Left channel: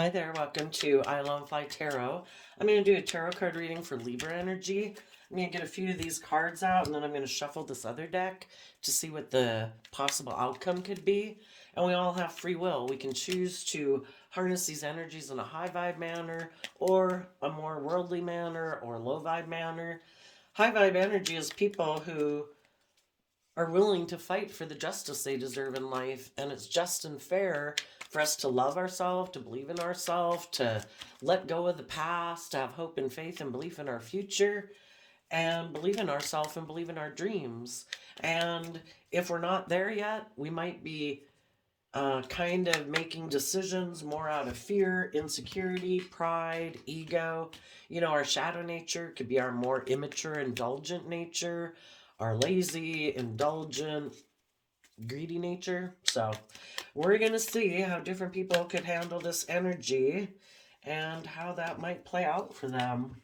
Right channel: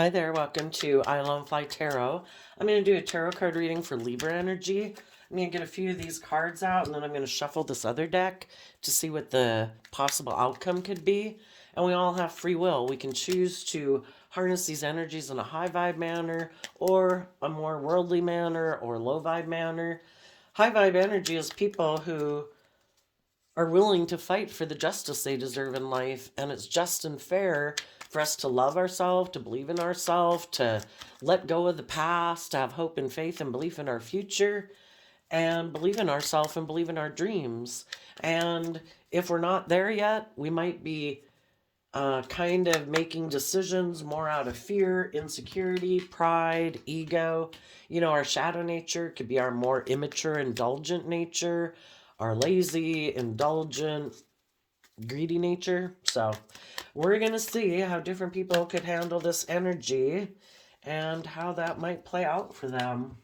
Hi there, welcome to I Love Fly Tarot. I'm going to do a tarot card reading for Libra energy. I'm going to get a few of these cards out and then I'm going to shuffle this other deck to see what the possible outcome could be. And we all have free will. We can choose to harness these energies in a high vibe manner or a more worldly manner or low vibe manner. High vibe energy is people who are willing to fight for the justice they deserve in life. And it's just and fair for us to love ourselves, to believe in ourselves, to let go of the past, to have hope and faith and belief in our future, and believe in ourselves and believe in our dreams. And if we're not there yet, we might be kind of making decisions more out of fear, insecurity, pride, ego. You know, our shadow nature could be our more immature, indulgent nature, our lazy, indulgent, greedy nature. So we're going to see how different people could handle this energy and how that might play out for them.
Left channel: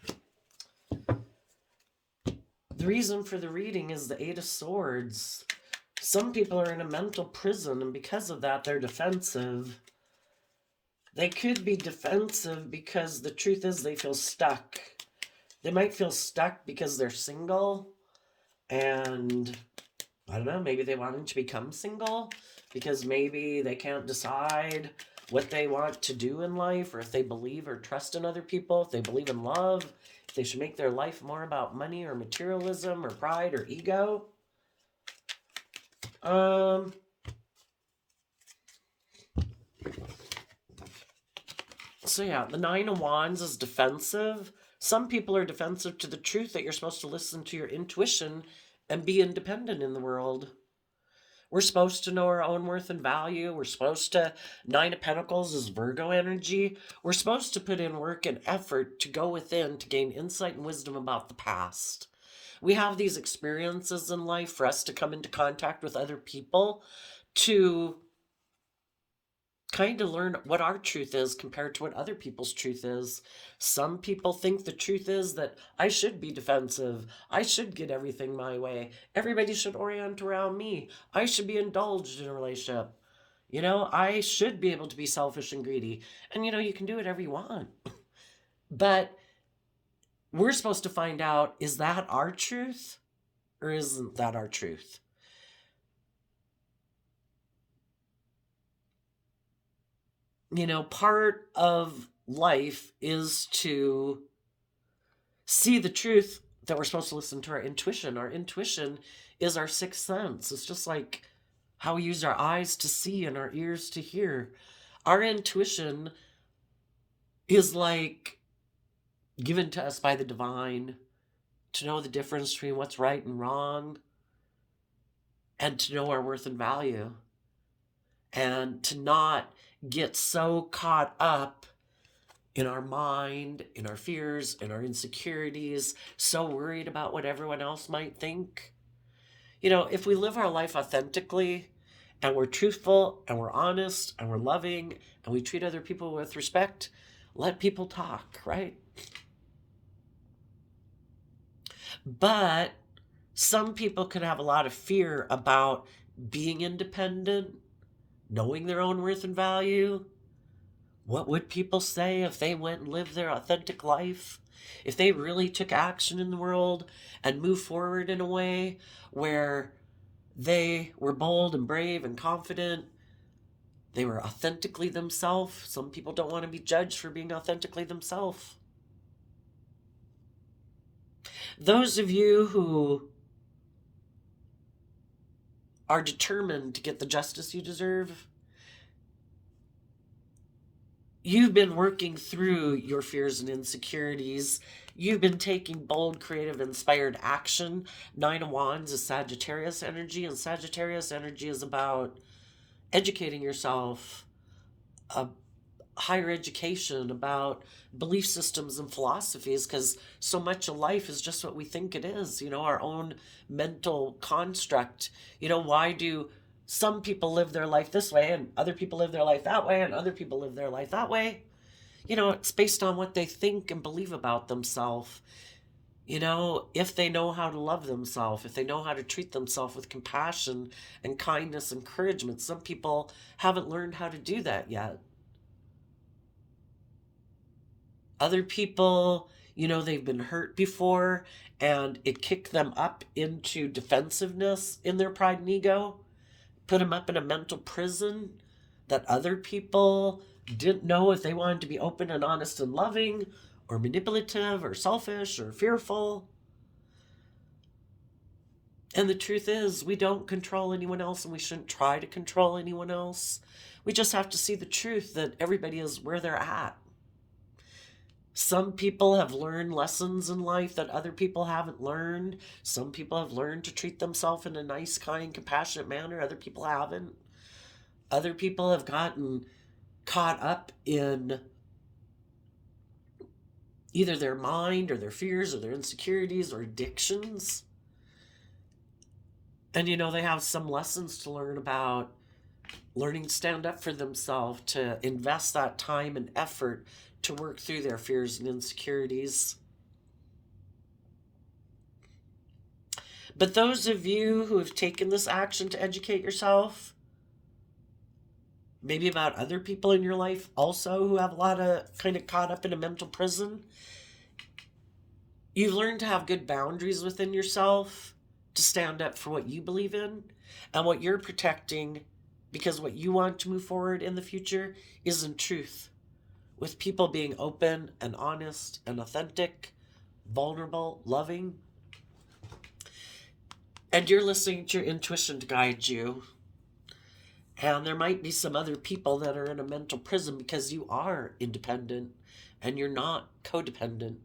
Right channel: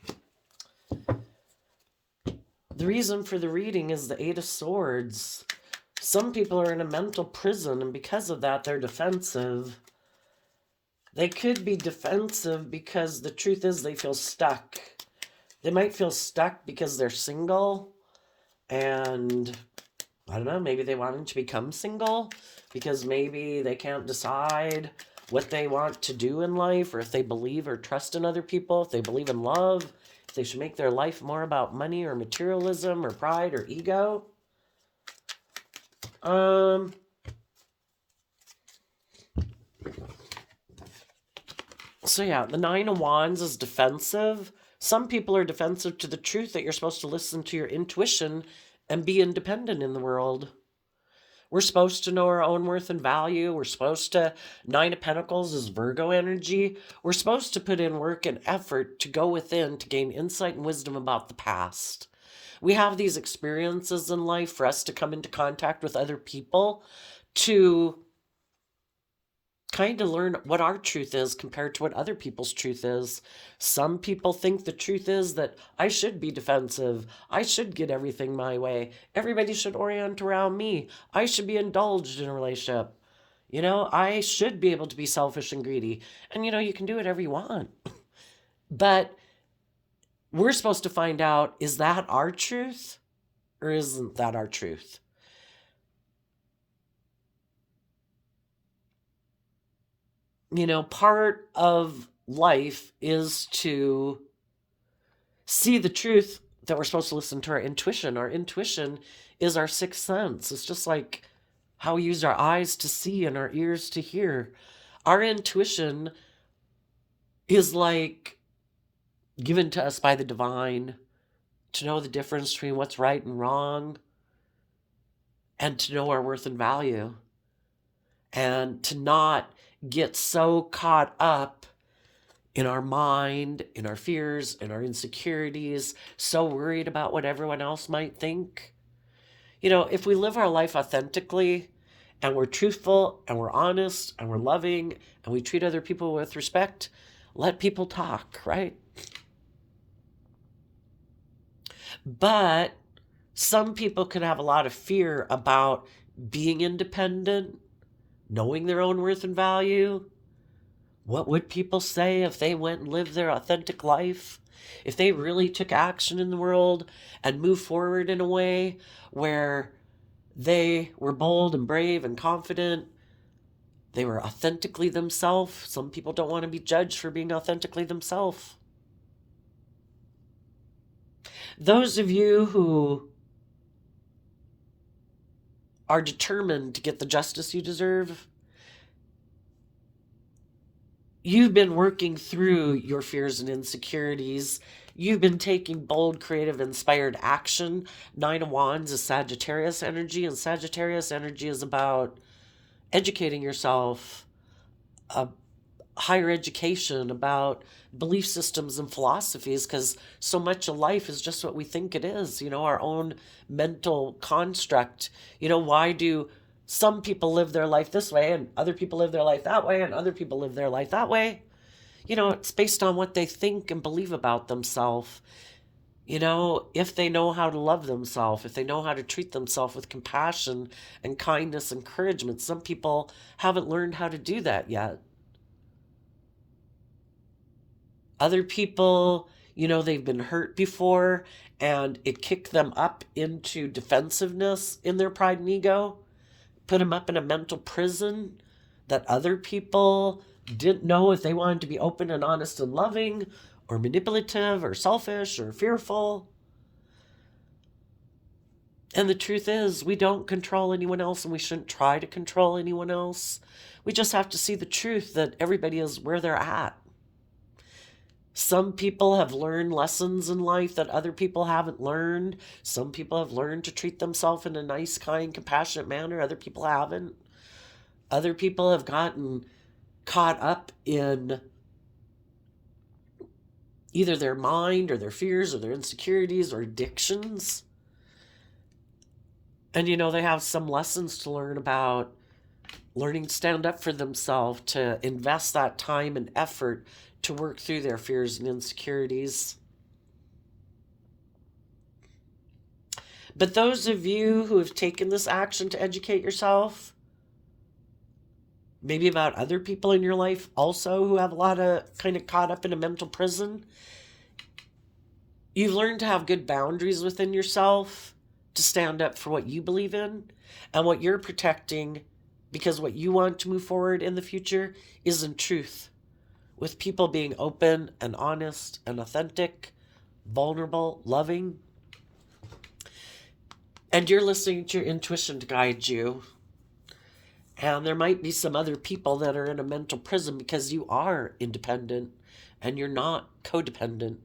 The reason for the reading is the Eight of Swords. Some people are in a mental prison, and because of that, they're defensive. They could be defensive because the truth is they feel stuck. They might feel stuck because they're single, and I don't know, maybe they wanted to become single because maybe they can't decide what they want to do in life, or if they believe or trust in other people, if they believe in love, if they should make their life more about money or materialism or pride or ego. So yeah, the Nine of Wands is defensive. Some people are defensive to the truth that you're supposed to listen to your intuition and be independent in the world. We're supposed to know our own worth and value. We're supposed to, Nine of Pentacles is Virgo energy. We're supposed to put in work and effort to go within to gain insight and wisdom about the past. We have these experiences in life for us to come into contact with other people to kind of learn what our truth is compared to what other people's truth is. Some people think the truth is that I should be defensive. I should get everything my way. Everybody should orient around me. I should be indulged in a relationship. You know, I should be able to be selfish and greedy. And, you know, you can do whatever you want. But we're supposed to find out, is that our truth or isn't that our truth? You know, part of life is to see the truth that we're supposed to listen to our intuition. Our intuition is our sixth sense. It's just like how we use our eyes to see and our ears to hear. Our intuition is like given to us by the divine to know the difference between what's right and wrong and to know our worth and value and to not get so caught up in our mind, in our fears, in our insecurities, so worried about what everyone else might think. You know, if we live our life authentically and we're truthful and we're honest and we're loving and we treat other people with respect, let people talk, right? But some people can have a lot of fear about being independent, knowing their own worth and value. What would people say if they went and lived their authentic life? If they really took action in the world and moved forward in a way where they were bold and brave and confident, they were authentically themselves. Some people don't want to be judged for being authentically themselves. Those of you who are determined to get the justice you deserve, you've been working through your fears and insecurities. You've been taking bold, creative, inspired action. Nine of Wands is Sagittarius energy, and Sagittarius energy is about educating yourself, higher education, about belief systems and philosophies, because so much of life is just what we think it is, you know, our own mental construct. You know, why do some people live their life this way and other people live their life that way and other people live their life that way? You know, it's based on what they think and believe about themselves. You know, if they know how to love themselves, if they know how to treat themselves with compassion and kindness and encouragement. Some people haven't learned how to do that yet. Other people, they've been hurt before and it kicked them up into defensiveness in their pride and ego, put them up in a mental prison that other people didn't know if they wanted to be open and honest and loving or manipulative or selfish or fearful. And the truth is, we don't control anyone else and we shouldn't try to control anyone else. We just have to see the truth that everybody is where they're at. Some people have learned lessons in life that other people haven't learned. Some people have learned to treat themselves in a nice, kind, compassionate manner. Other people haven't. Other people have gotten caught up in either their mind or their fears or their insecurities or addictions. And they have some lessons to learn about learning to stand up for themselves, to invest that time and effort to work through their fears and insecurities. But those of you who have taken this action to educate yourself, maybe about other people in your life also who have a lot of kind of caught up in a mental prison, you've learned to have good boundaries within yourself, to stand up for what you believe in and what you're protecting, because what you want to move forward in the future is in truth, with people being open and honest and authentic, vulnerable, loving. And you're listening to your intuition to guide you. And there might be some other people that are in a mental prison because you are independent and you're not codependent.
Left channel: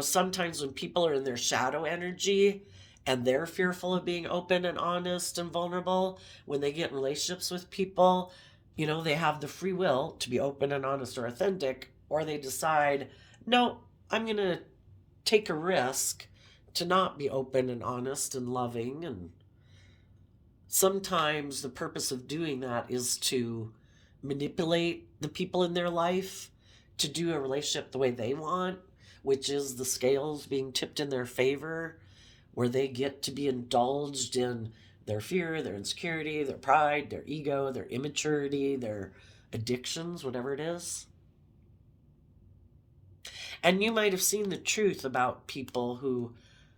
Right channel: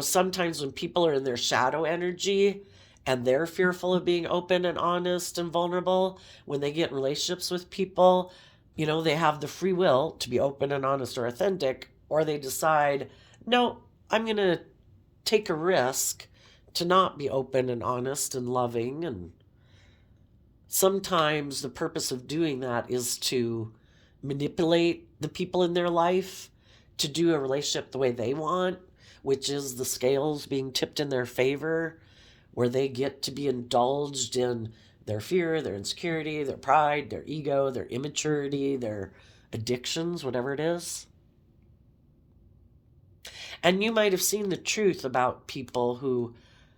Sometimes when people are in their shadow energy and they're fearful of being open and honest and vulnerable, when they get in relationships with people, they have the free will to be open and honest or authentic, or they decide, no, I'm going to take a risk to not be open and honest and loving. And sometimes the purpose of doing that is to manipulate the people in their life to do a relationship the way they want, which is the scales being tipped in their favor, where they get to be indulged in their fear, their insecurity, their pride, their ego, their immaturity, their addictions, whatever it is. And you might have seen the truth about people who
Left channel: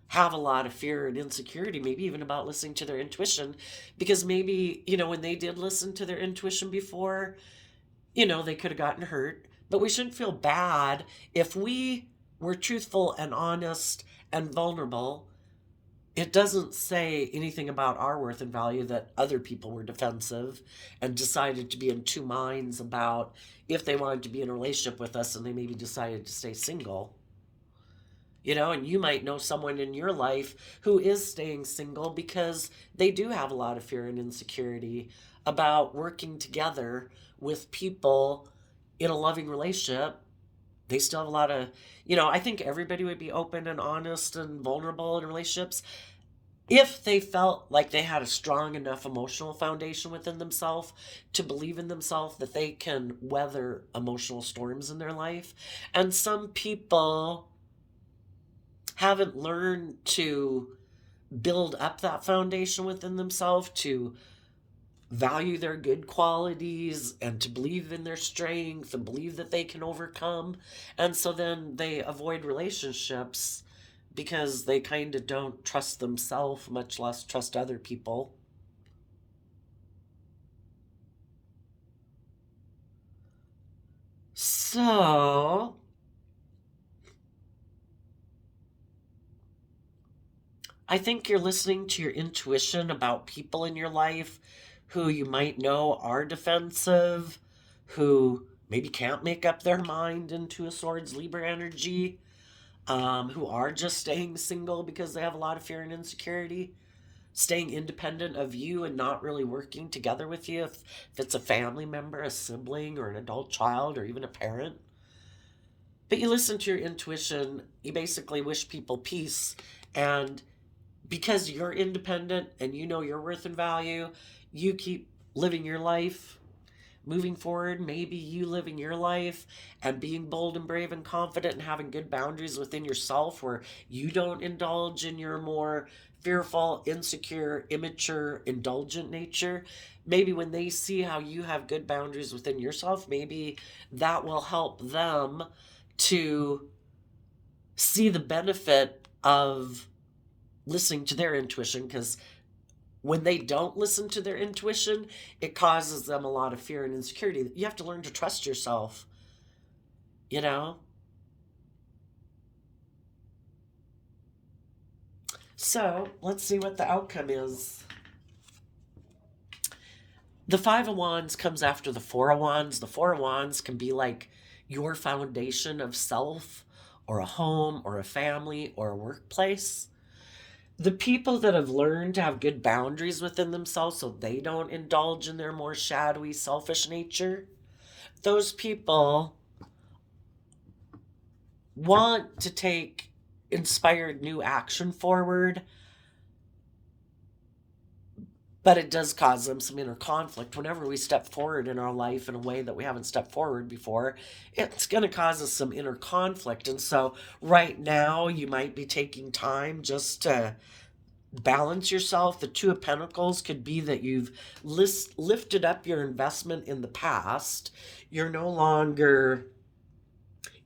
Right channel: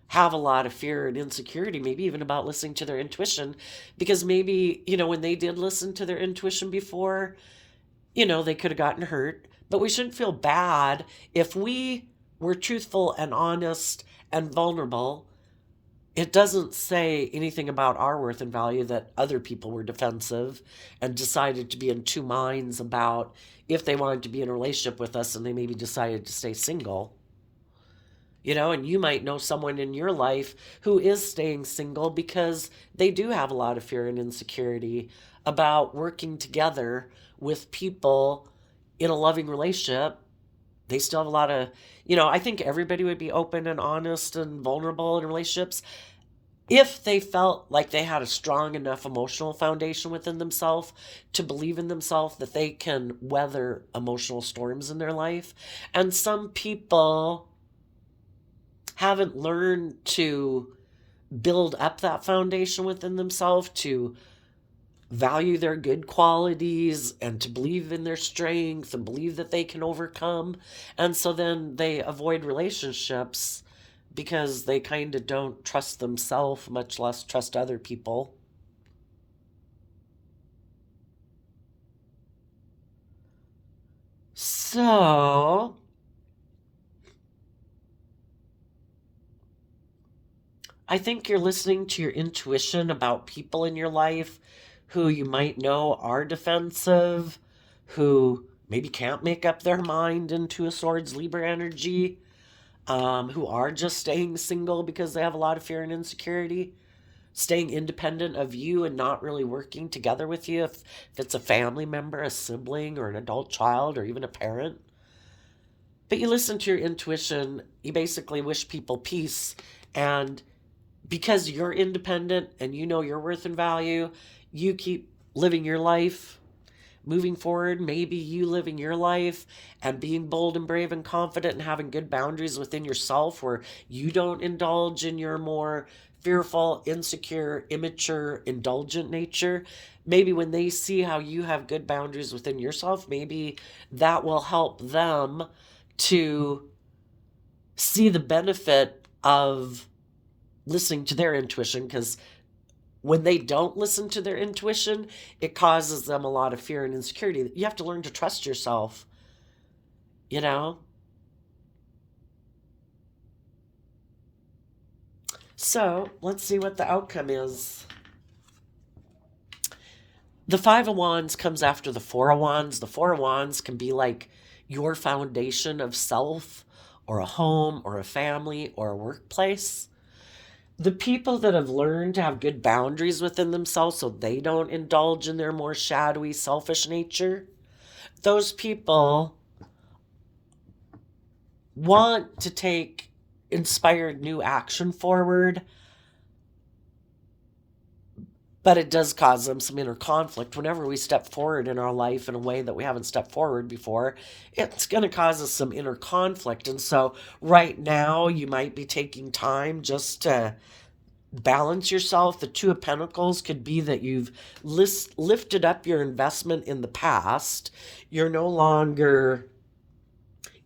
have a lot of fear and insecurity, maybe even about listening to their intuition, because maybe, when they did listen to their intuition before, they could have gotten hurt. But we shouldn't feel bad if we were truthful and honest and vulnerable. It doesn't say anything about our worth and value that other people were defensive and decided to be in two minds about if they wanted to be in a relationship with us and they maybe decided to stay single. And you might know someone in your life who is staying single because they do have a lot of fear and insecurity about working together with people in a loving relationship. They still have a lot of, I think everybody would be open and honest and vulnerable in relationships if they felt like they had a strong enough emotional foundation within themselves to believe in themselves that they can weather emotional storms in their life. And some people haven't learned to build up that foundation within themselves, to value their good qualities and to believe in their strength and believe that they can overcome. And so then they avoid relationships because they kind of don't trust themselves, much less trust other people. So I think you're listening to your intuition about people in your life who you might know are defensive, who maybe can't make up their mind into a Swords Libra energy, who are just staying single because they have a lot of fear and insecurity, staying independent of you and not really working together with you if it's a family member, a sibling, or an adult child, or even a parent. But you listen to your intuition, you basically wish people peace, and because you're independent and you know your worth and value, you keep living your life, moving forward. Maybe you living your life and being bold and brave and confident and having good boundaries within yourself where you don't indulge in your more fearful, insecure, immature, indulgent nature, maybe when they see how you have good boundaries within yourself, maybe that will help them to see the benefit of listening to their intuition, because when they don't listen to their intuition, it causes them a lot of fear and insecurity. You have to learn to trust yourself, you know? So let's see what the outcome is. The Five of Wands comes after the Four of Wands. The Four of Wands can be like your foundation of self, or a home, or a family, or a workplace. The people that have learned to have good boundaries within themselves so they don't indulge in their more shadowy, selfish nature, those people want to take inspired new action forward, but it does cause them some inner conflict. Whenever we step forward in our life in a way that we haven't stepped forward before, it's going to cause us some inner conflict. And so right now you might be taking time just to balance yourself. The Two of Pentacles could be that you've lifted up your investment in the past. You're no longer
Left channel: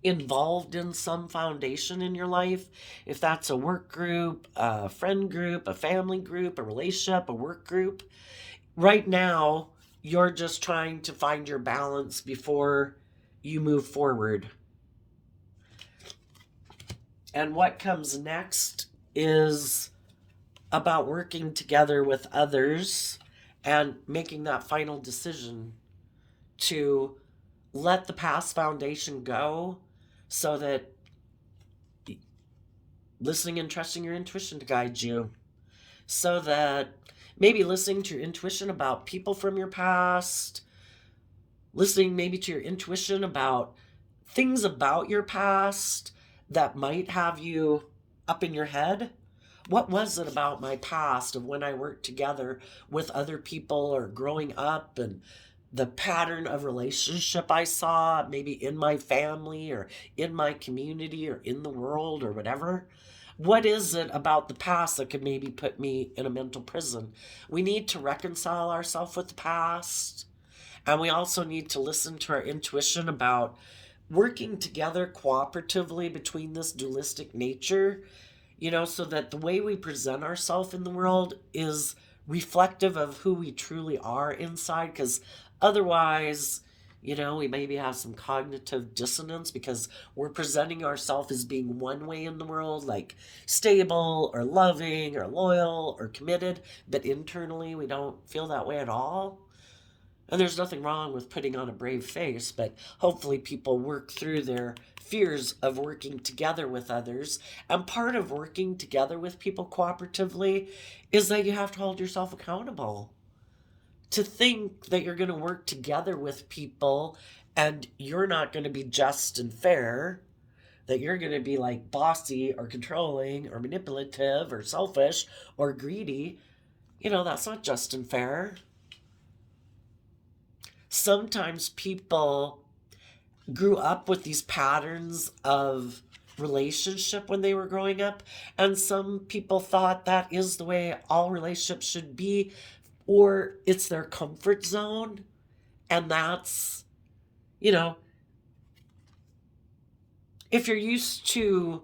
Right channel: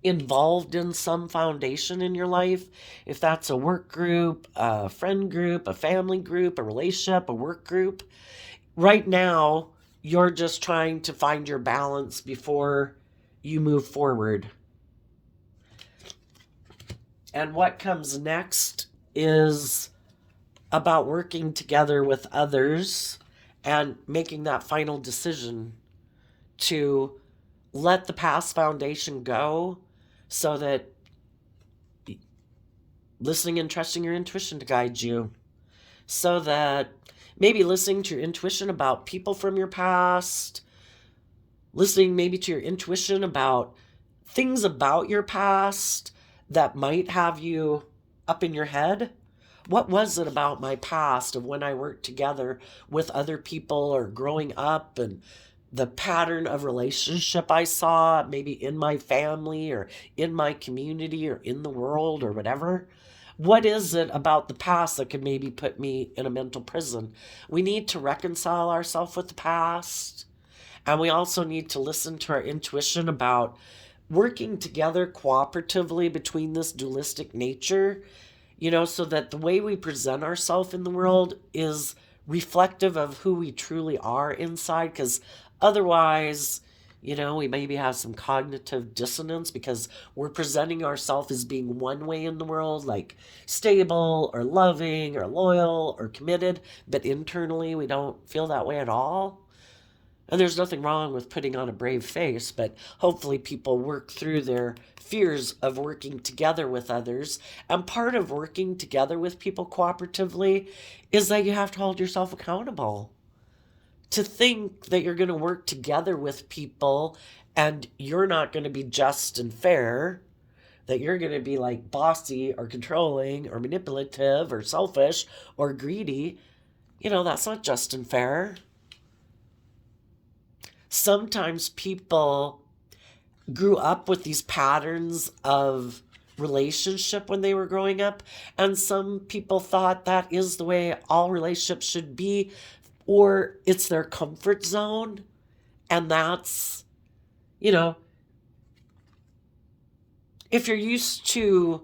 involved in some foundation in your life. If that's a work group, a friend group, a family group, a relationship, a work group, right now you're just trying to find your balance before you move forward. And what comes next is about working together with others and making that final decision to let the past foundation go, so that listening and trusting your intuition to guide you, so that maybe listening to your intuition about people from your past, listening maybe to your intuition about things about your past that might have you up in your head. What was it about my past of when I worked together with other people or growing up, and the pattern of relationship I saw maybe in my family or in my community or in the world or whatever? What is it about the past that could maybe put me in a mental prison? We need to reconcile ourselves with the past. And we also need to listen to our intuition about working together cooperatively between this dualistic nature, so that the way we present ourselves in the world is reflective of who we truly are inside. Because otherwise, we maybe have some cognitive dissonance because we're presenting ourselves as being one way in the world, like stable or loving or loyal or committed, but internally we don't feel that way at all. And there's nothing wrong with putting on a brave face, but hopefully people work through their fears of working together with others. And part of working together with people cooperatively is that you have to hold yourself accountable. To think that you're going to work together with people and you're not going to be just and fair, that you're going to be like bossy or controlling or manipulative or selfish or greedy, that's not just and fair. Sometimes people grew up with these patterns of relationship when they were growing up, and some people thought that is the way all relationships should be, or it's their comfort zone. And that's, if you're used to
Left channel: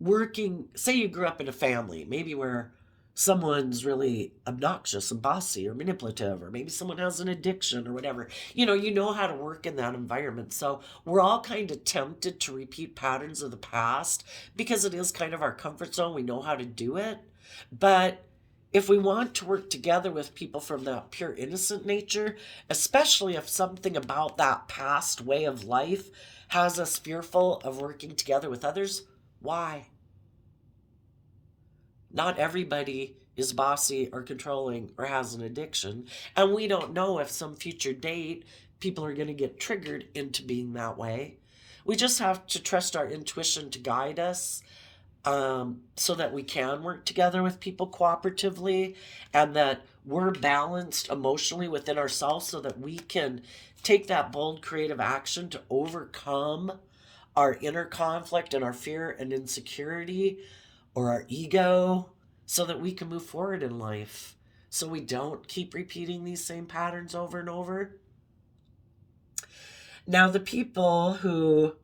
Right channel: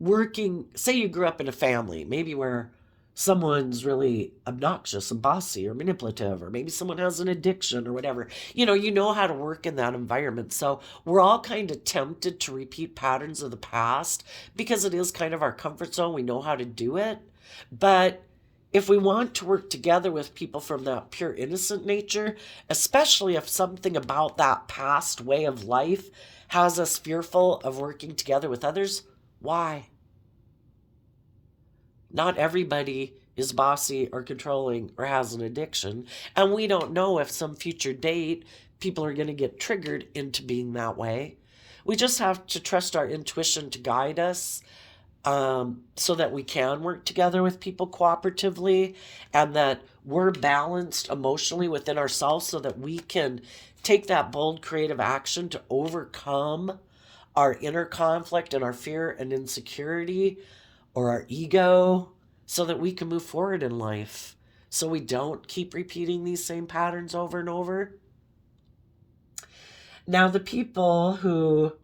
working, say you grew up in a family maybe where someone's really obnoxious and bossy or manipulative, or maybe someone has an addiction or whatever, you know how to work in that environment. So we're all kind of tempted to repeat patterns of the past because it is kind of our comfort zone. We know how to do it. But if we want to work together with people from that pure innocent nature, especially if something about that past way of life has us fearful of working together with others, why? Not everybody is bossy or controlling or has an addiction. And we don't know if some future date people are going to get triggered into being that way. We just have to trust our intuition to guide us, so that we can work together with people cooperatively, and that we're balanced emotionally within ourselves so that we can take that bold creative action to overcome our inner conflict and our fear and insecurity or our ego, so that we can move forward in life, so we don't keep repeating these same patterns over and over. Now, the people who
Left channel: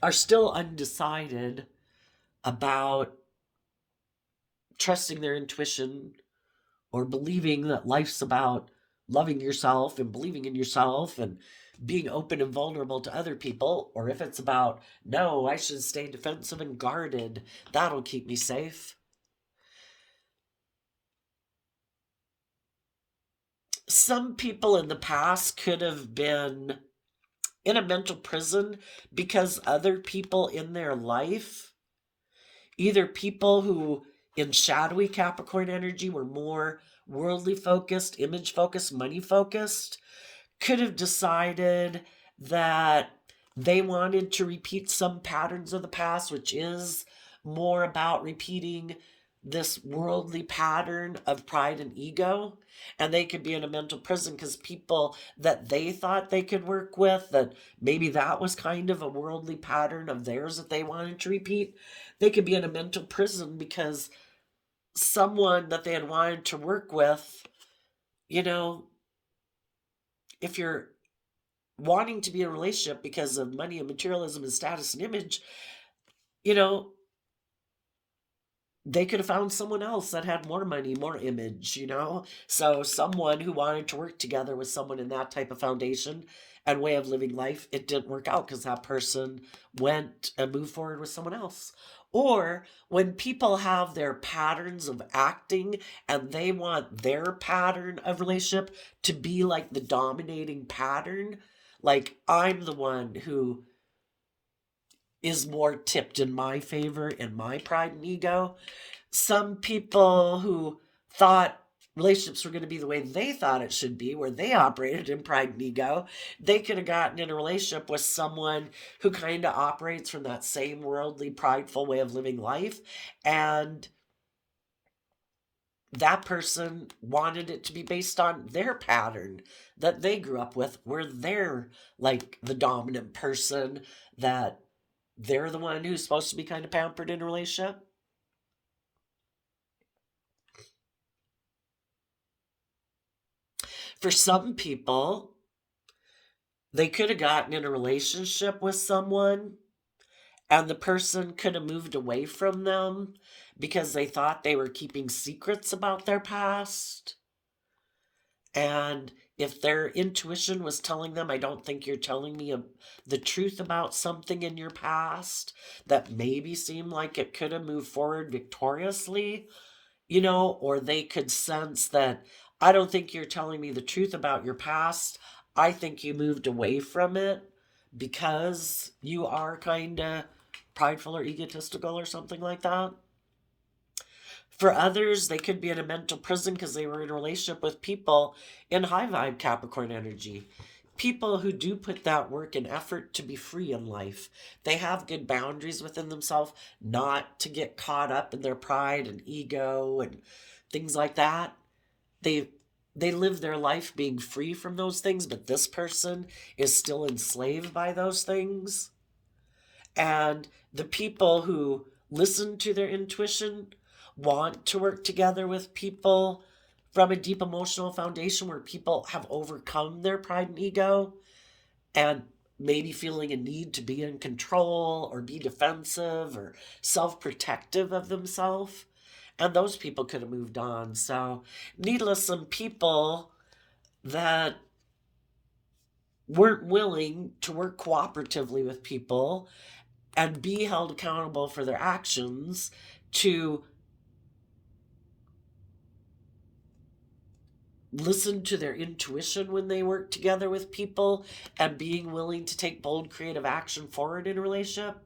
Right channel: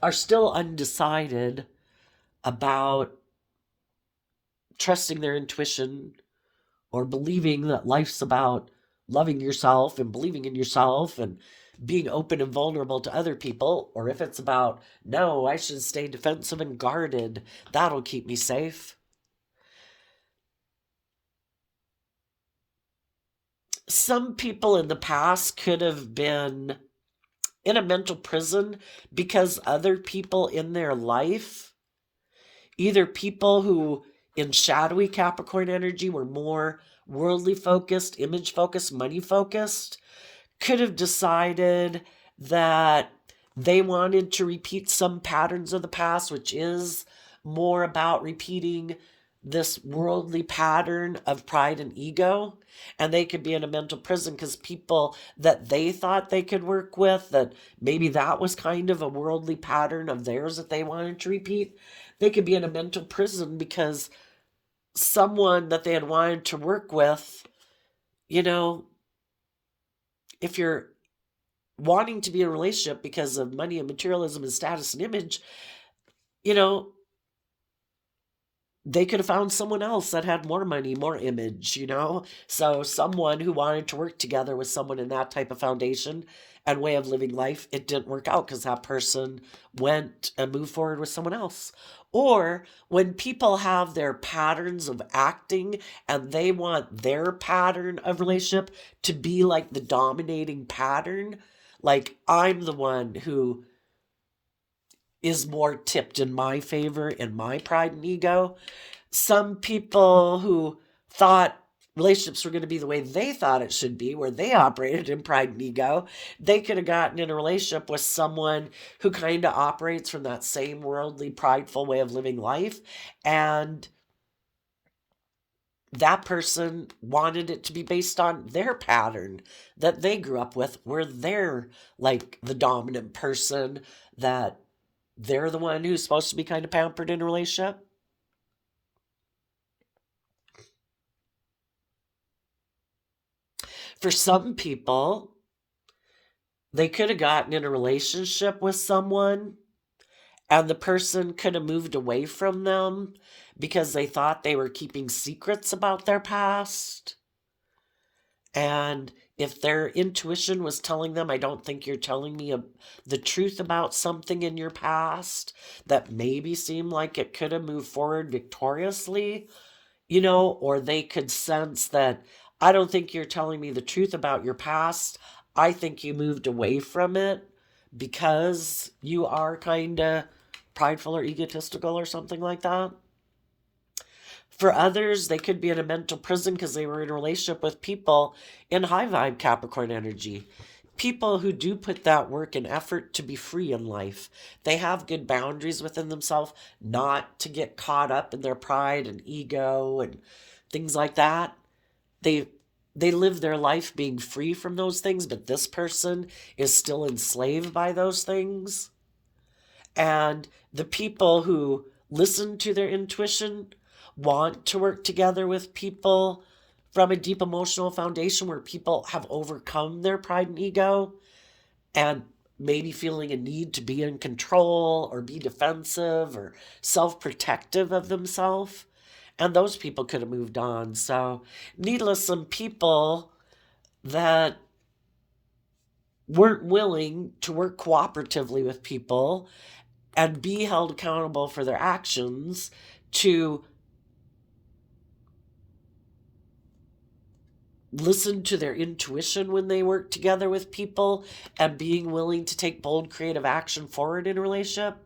are still undecided about trusting their intuition or believing that life's about loving yourself and believing in yourself and being open and vulnerable to other people, or if it's about, no, I should stay defensive and guarded, that'll keep me safe. Some people in the past could have been in a mental prison because other people in their life, either people who in shadowy Capricorn energy were more worldly focused, image focused, money focused, could have decided that they wanted to repeat some patterns of the past, which is more about repeating this worldly pattern of pride and ego. And they could be in a mental prison because people that they thought they could work with, that maybe that was kind of a worldly pattern of theirs that they wanted to repeat, they could be in a mental prison because someone that they had wanted to work with, you know, if you're wanting to be in a relationship because of money and materialism and status and image, you know, they could have found someone else that had more money, more image, you know? So someone who wanted to work together with someone in that type of foundation and way of living life, it didn't work out because that person went and moved forward with someone else. Or when people have their patterns of acting and they want their pattern of relationship to be like the dominating pattern, like I'm the one who is more tipped in my favor in my pride and ego. Some people who thought relationships were going to be the way they thought it should be, where they operated in pride and ego, they could have gotten in a relationship with someone who kind of operates from that same worldly, prideful way of living life. And that person wanted it to be based on their pattern that they grew up with, where they're like the dominant person, that they're the one who's supposed to be kind of pampered in a relationship. For some people, they could have gotten in a relationship with someone and the person could have moved away from them because they thought they were keeping secrets about their past. And if their intuition was telling them, I don't think you're telling me the truth about something in your past that maybe seemed like it could have moved forward victoriously, you know, or they could sense that, I don't think you're telling me the truth about your past. I think you moved away from it because you are kind of prideful or egotistical or something like that. For others, they could be in a mental prison because they were in a relationship with people in high vibe Capricorn energy. People who do put that work and effort to be free in life. They have good boundaries within themselves, not to get caught up in their pride and ego and things like that. They they live their life being free from those things, but this person is still enslaved by those things. And the people who listen to their intuition want to work together with people from a deep emotional foundation where people have overcome their pride and ego and maybe feeling a need to be in control or be defensive or self-protective of themselves. And those people could have moved on. So, needless, some people that weren't willing to work cooperatively with people and be held accountable for their actions, to listen to their intuition when they work together with people and being willing to take bold creative action forward in a relationship.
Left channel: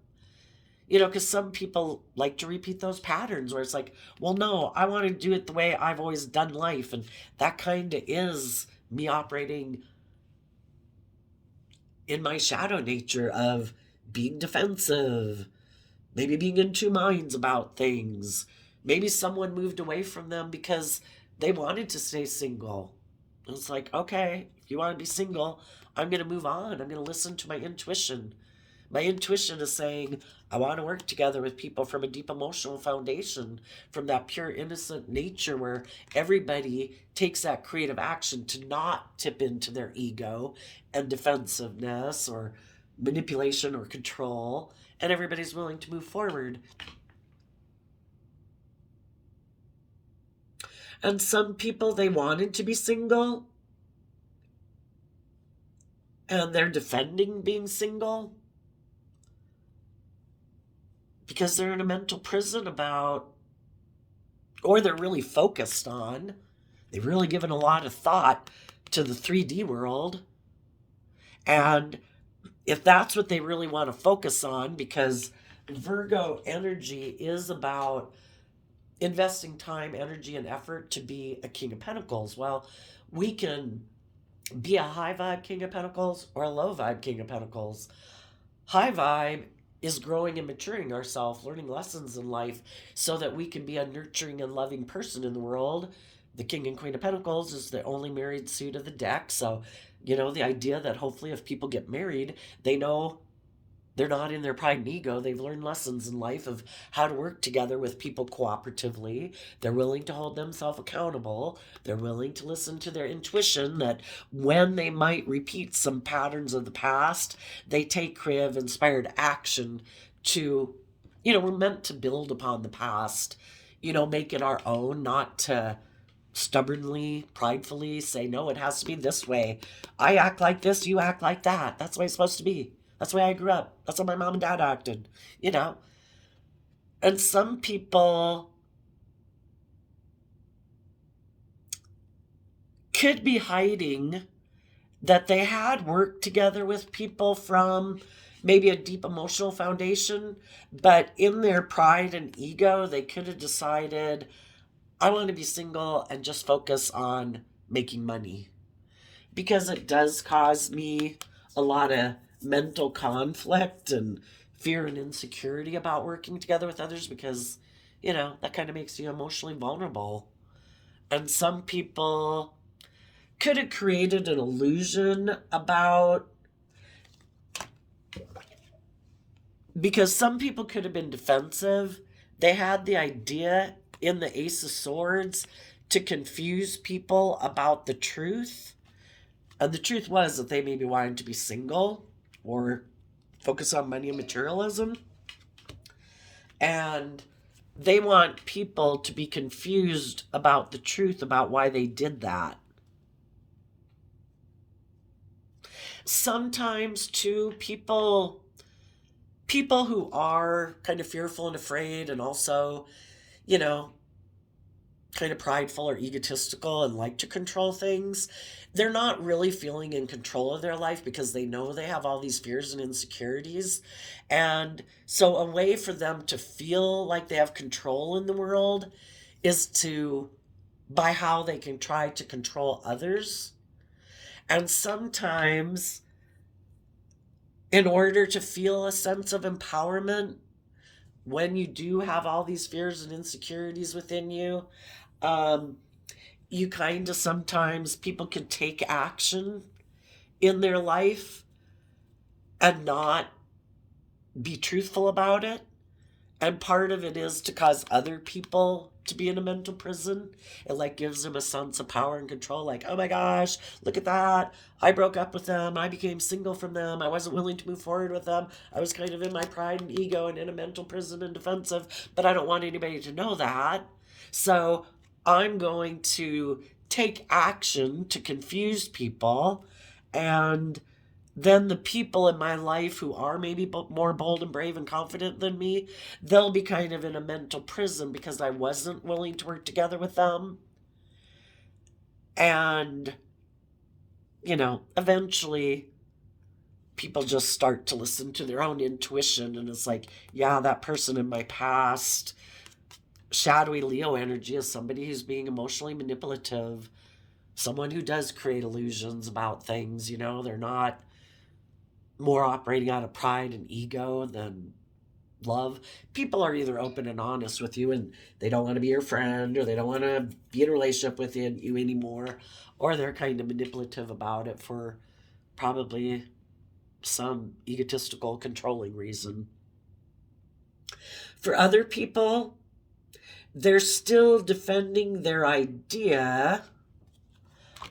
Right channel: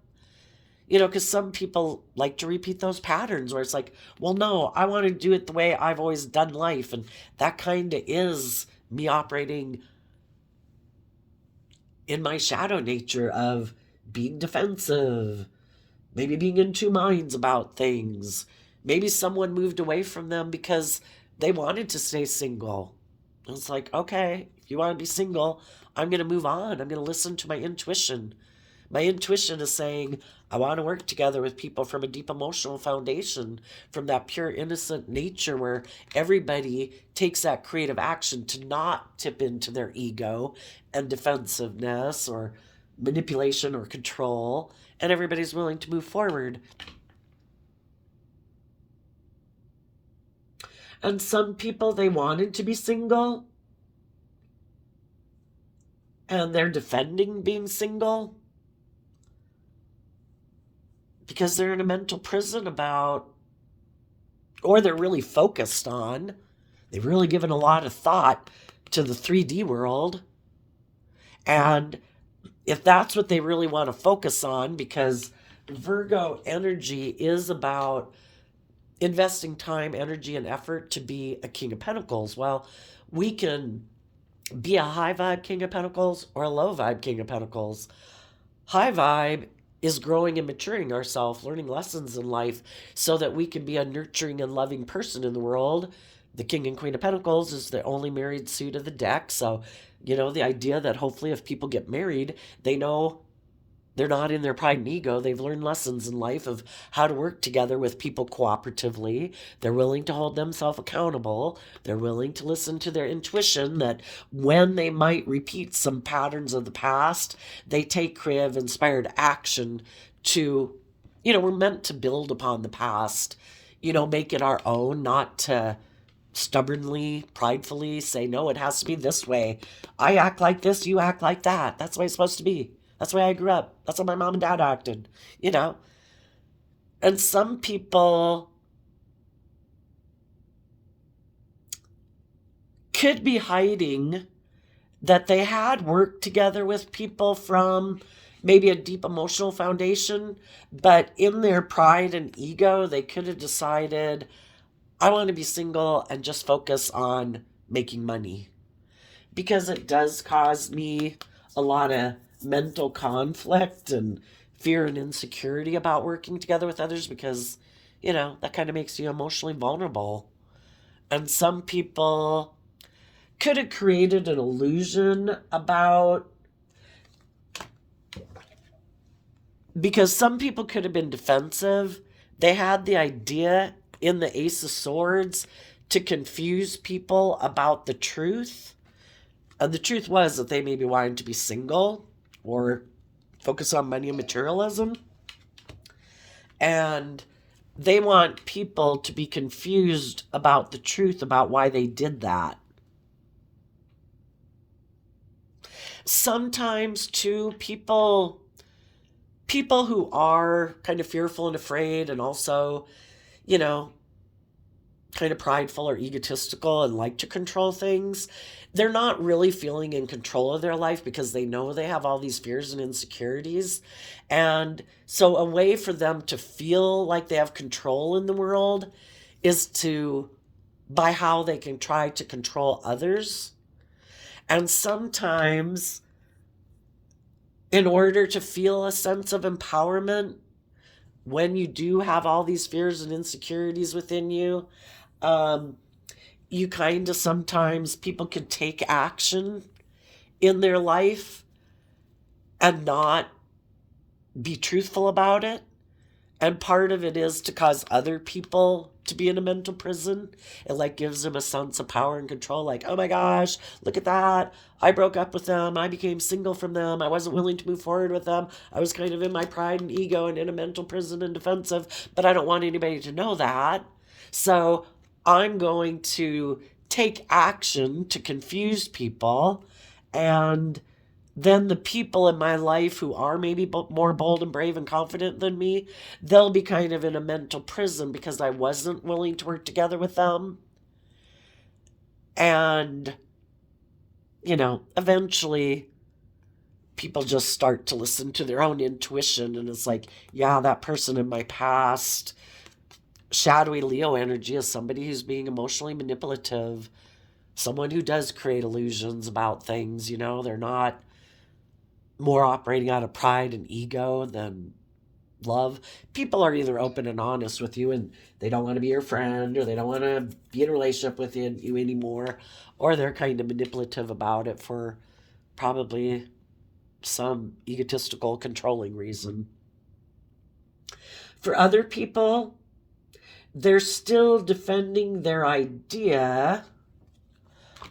You know, because some people like to repeat those patterns where it's like, well, no, I want to do it the way I've always done life. And that kind of is me operating in my shadow nature of being defensive, maybe being in two minds about things. Maybe someone moved away from them because they wanted to stay single. It's like, okay, if you want to be single, I'm going to move on. I'm going to listen to my intuition. My intuition is saying, I want to work together with people from a deep emotional foundation, from that pure innocent nature where everybody takes that creative action to not tip into their ego and defensiveness or manipulation or control, and everybody's willing to move forward. And some people, they wanted to be single and they're defending being single because they're in a mental prison about, or they're really focused on, they've really given a lot of thought to the 3D world. And if that's what they really want to focus on, because Virgo energy is about investing time, energy, and effort to be a King of Pentacles. Well, we can be a high vibe King of Pentacles or a low vibe King of Pentacles. High vibe is growing and maturing ourselves, learning lessons in life so that we can be a nurturing and loving person in the world. The King and Queen of Pentacles is the only married suit of the deck. So, the idea that hopefully if people get married, they know they're not in their pride and ego. They've learned lessons in life of how to work together with people cooperatively. They're willing to hold themselves accountable. They're willing to listen to their intuition that when they might repeat some patterns of the past, they take creative, inspired action to, we're meant to build upon the past, make it our own, not to stubbornly, pridefully say, no, it has to be this way. I act like this, you act like that. That's the way it's supposed to be. That's the way I grew up. That's how my mom and dad acted, And some people could be hiding that they had worked together with people from maybe a deep emotional foundation, but in their pride and ego, they could have decided, I want to be single and just focus on making money. Because it does cause me a lot of mental conflict and fear and insecurity about working together with others because, that kind of makes you emotionally vulnerable. And some people could have created an illusion about, because some people could have been defensive. They had the idea in the Ace of Swords to confuse people about the truth. And the truth was that they maybe wanted to be single or focus on money and materialism. And they want people to be confused about the truth about why they did that. Sometimes, too, people who are kind of fearful and afraid and also, kind of prideful or egotistical and like to control things, they're not really feeling in control of their life because they know they have all these fears and insecurities. And so a way for them to feel like they have control in the world is by how they can try to control others. And sometimes, in order to feel a sense of empowerment, when you do have all these fears and insecurities within you, you kind of sometimes people can take action in their life and not be truthful about it. And part of it is to cause other people to be in a mental prison. It gives them a sense of power and control. Like, oh my gosh, look at that. I broke up with them. I became single from them. I wasn't willing to move forward with them. I was kind of in my pride and ego and in a mental prison and defensive, but I don't want anybody to know that. So I'm going to take action to confuse people, and then the people in my life who are maybe more bold and brave and confident than me, they'll be kind of in a mental prison because I wasn't willing to work together with them. And, eventually people just start to listen to their own intuition, and it's like, yeah, that person in my past, shadowy Leo energy, is somebody who's being emotionally manipulative, someone who does create illusions about things. They're not more operating out of pride and ego than love. People are either open and honest with you and they don't want to be your friend, or they don't want to be in a relationship with you anymore, or they're kind of manipulative about it for probably some egotistical controlling reason. For other people, they're still defending their idea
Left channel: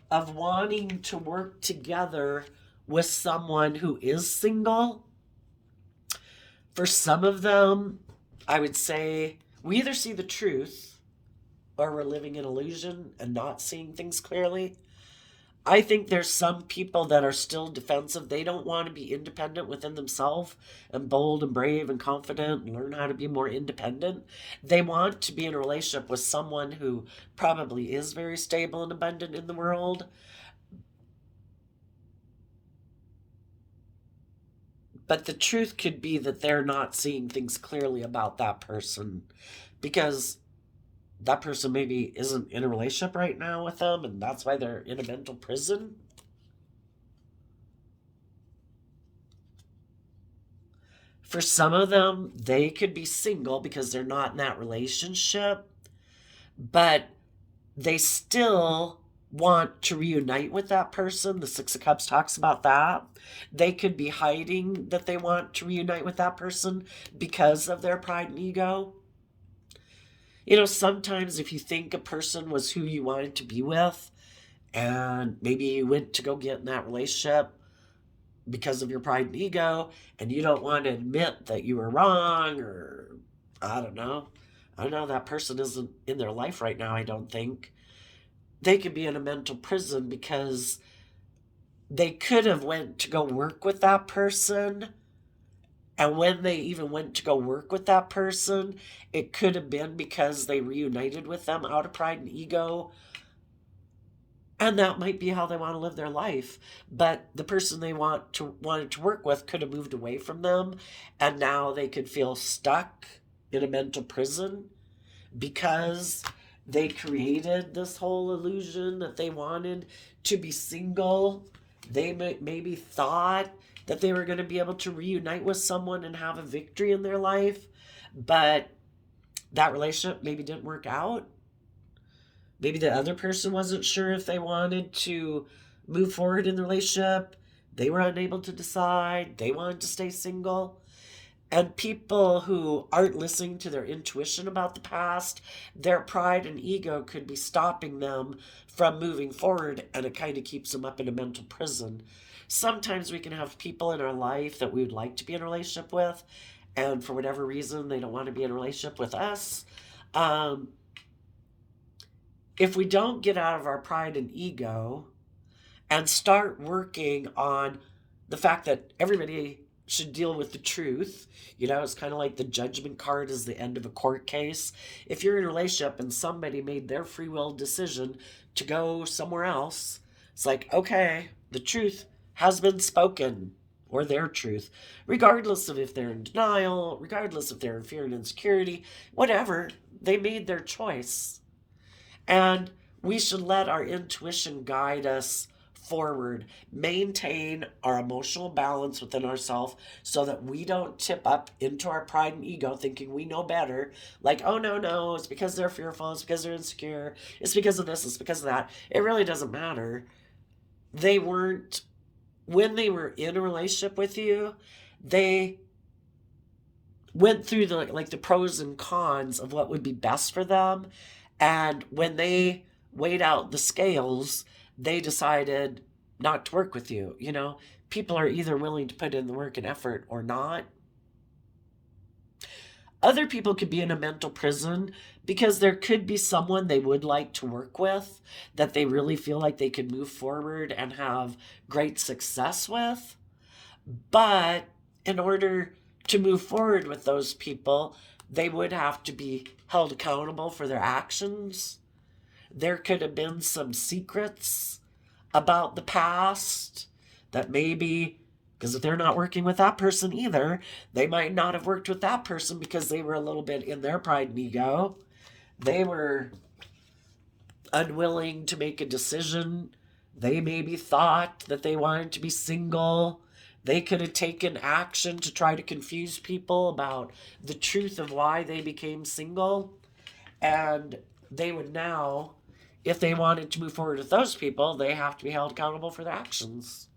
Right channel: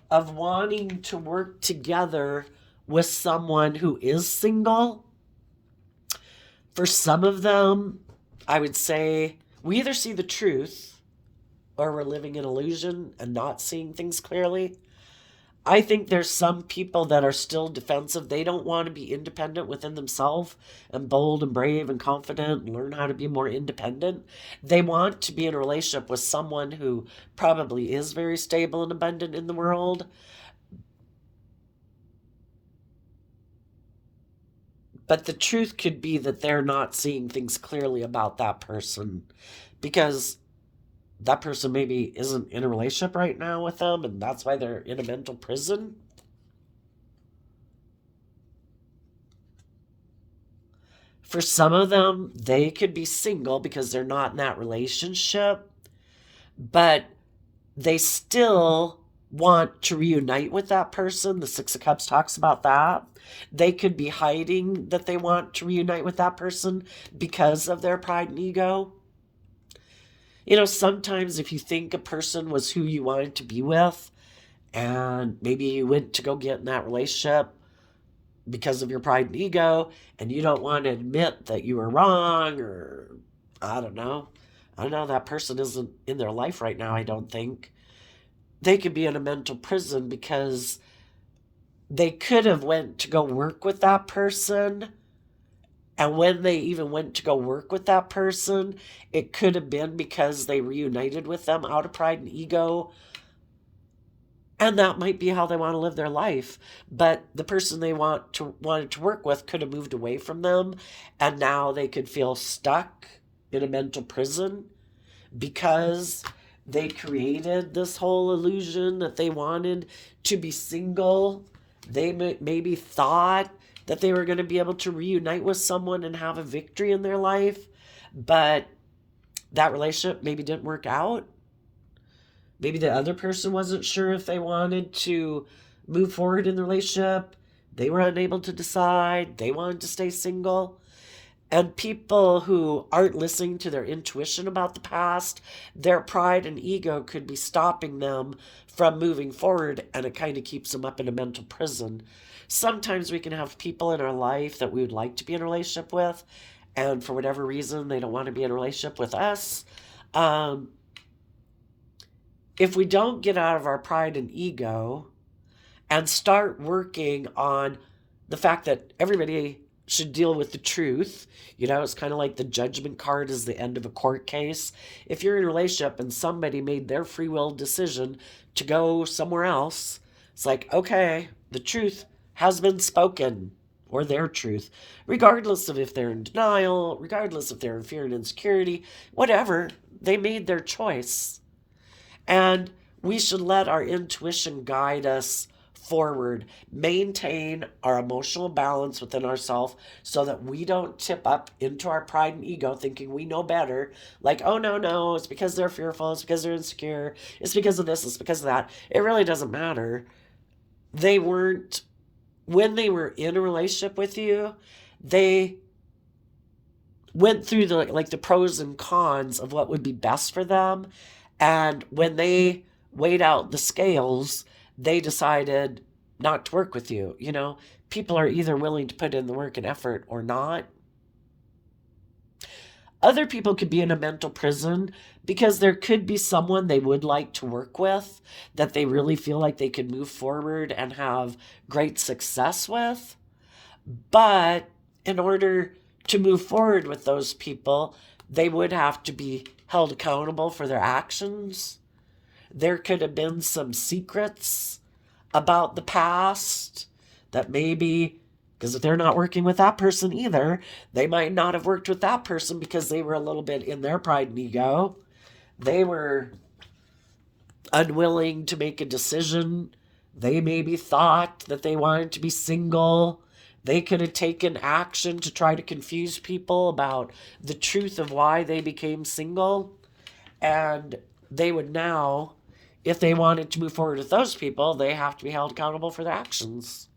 of wanting to work together with someone who is single. For some of them, I would say we either see the truth or we're living in illusion and not seeing things clearly. I think there's some people that are still defensive. They don't want to be independent within themselves and bold and brave and confident and learn how to be more independent. They want to be in a relationship with someone who probably is very stable and abundant in the world. But the truth could be that they're not seeing things clearly about that person because that person maybe isn't in a relationship right now with them, and that's why they're in a mental prison. For some of them, they could be single because they're not in that relationship, but they still want to reunite with that person. The Six of Cups talks about that. They could be hiding that they want to reunite with that person because of their pride and ego. You know, sometimes if you think a person was who you wanted to be with, and maybe you went to go get in that relationship because of your pride and ego, and you don't want to admit that you were wrong, or I don't know, that person isn't in their life right now, I don't think. They could be in a mental prison because they could have went to go work with that person, and when they even went to go work with that person, it could have been because they reunited with them out of pride and ego. And that might be how they want to live their life. But the person they wanted to work with could have moved away from them. And now they could feel stuck in a mental prison because they created this whole illusion that they wanted to be single. They maybe thought that they were going to be able to reunite with someone and have a victory in their life, but that relationship maybe didn't work out. Maybe the other person wasn't sure if they wanted to move forward in the relationship. They were unable to decide. They wanted to stay single. And people who aren't listening to their intuition about the past, their pride and ego could be stopping them from moving forward, and it kind of keeps them up in a mental prison. Sometimes we can have people in our life that we would like to be in a relationship with, and for whatever reason, they don't want to be in a relationship with us. If we don't get out of our pride and ego and start working on the fact that everybody should deal with the truth, you know, it's kind of like the judgment card is the end of a court case. If you're in a relationship and somebody made their free will decision to go somewhere else, it's like, okay, the truth has been spoken, or their truth, regardless of if they're in denial, regardless if they're in fear and insecurity, whatever, they made their choice. And we should let our intuition guide us forward, maintain our emotional balance within ourselves so that we don't tip up into our pride and ego thinking we know better. Like, oh, no, it's because they're fearful, it's because they're insecure, it's because of this, it's because of that. It really doesn't matter. They weren't, when they were in a relationship with you, they went through the pros and cons of what would be best for them. And when they weighed out the scales, they decided not to work with you. You know, people are either willing to put in the work and effort or not. Other people could be in a mental prison because there could be someone they would like to work with that they really feel like they could move forward and have great success with. But in order to move forward with those people, they would have to be held accountable for their actions. There could have been some secrets about the past that maybe, because if they're not working with that person either, they might not have worked with that person because they were a little bit in their pride and ego. They were unwilling to make a decision. They maybe thought that they wanted to be single. They could have taken action to try to confuse people about the truth of why they became single. And they would now, if they wanted to move forward with those people, they have to be held accountable for their actions.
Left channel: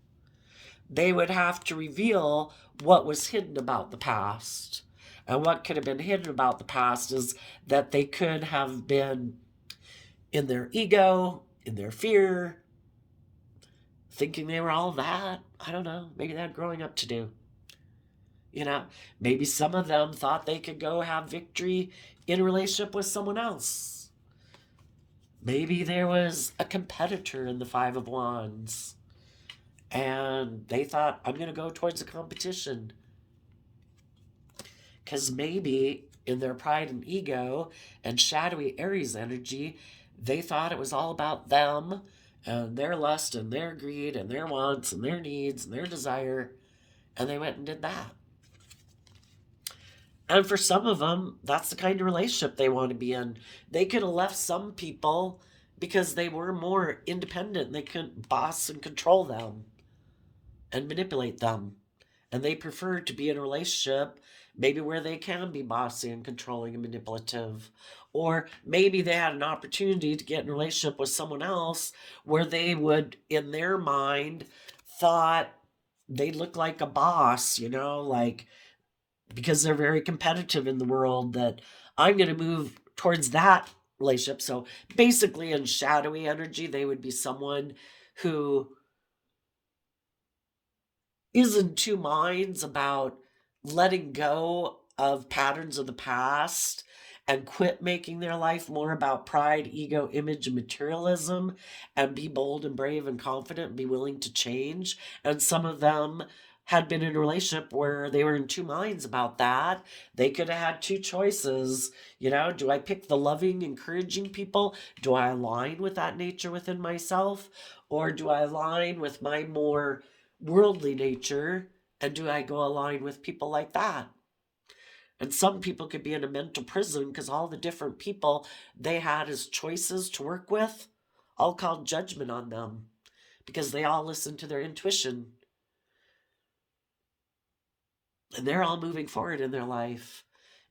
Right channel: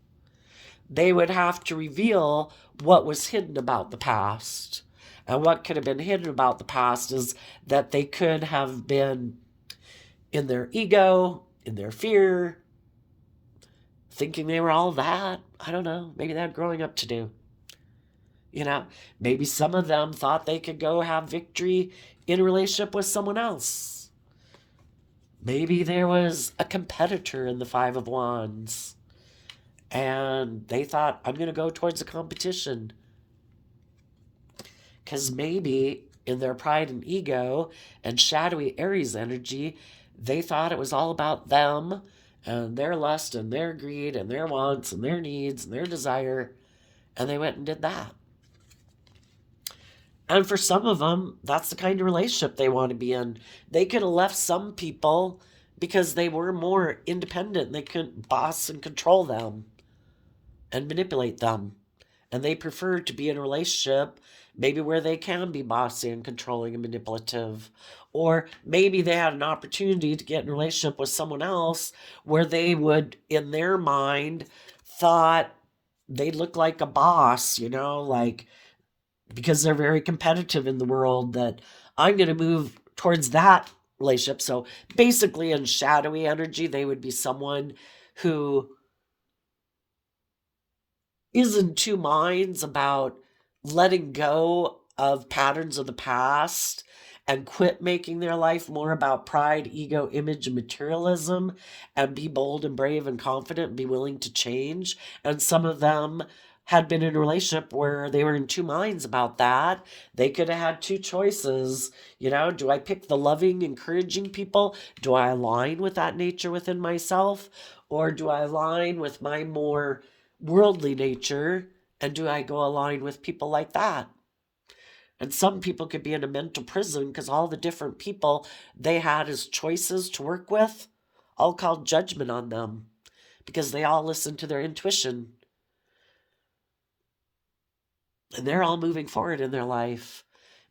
They would have to reveal what was hidden about the past. And what could have been hidden about the past is that they could have been in their ego, in their fear, thinking they were all that. I don't know. Maybe they had growing up to do. Maybe some of them thought they could go have victory in a relationship with someone else. Maybe there was a competitor in the Five of Wands, and they thought, I'm going to go towards a competition. Because maybe in their pride and ego and shadowy Aries energy, they thought it was all about them and their lust and their greed and their wants and their needs and their desire, and they went and did that. And for some of them, that's the kind of relationship they want to be in. They could have left some people because they were more independent. They couldn't boss and control them and manipulate them. And they prefer to be in a relationship maybe where they can be bossy and controlling and manipulative. Or maybe they had an opportunity to get in a relationship with someone else where they would, in their mind, thought they look like a boss, like, because they're very competitive in the world, that I'm going to move towards that relationship. So basically, in shadowy energy, they would be someone who is in two minds about letting go of patterns of the past and quit making their life more about pride, ego, image, and materialism, and be bold and brave and confident and be willing to change. And some of them had been in a relationship where they were in two minds about that. They could have had two choices. Do I pick the loving, encouraging people? Do I align with that nature within myself? Or do I align with my more worldly nature, and do I go align with people like that? And some people could be in a mental prison because all the different people they had as choices to work with all called judgment on them because they all listened to their intuition, and they're all moving forward in their life,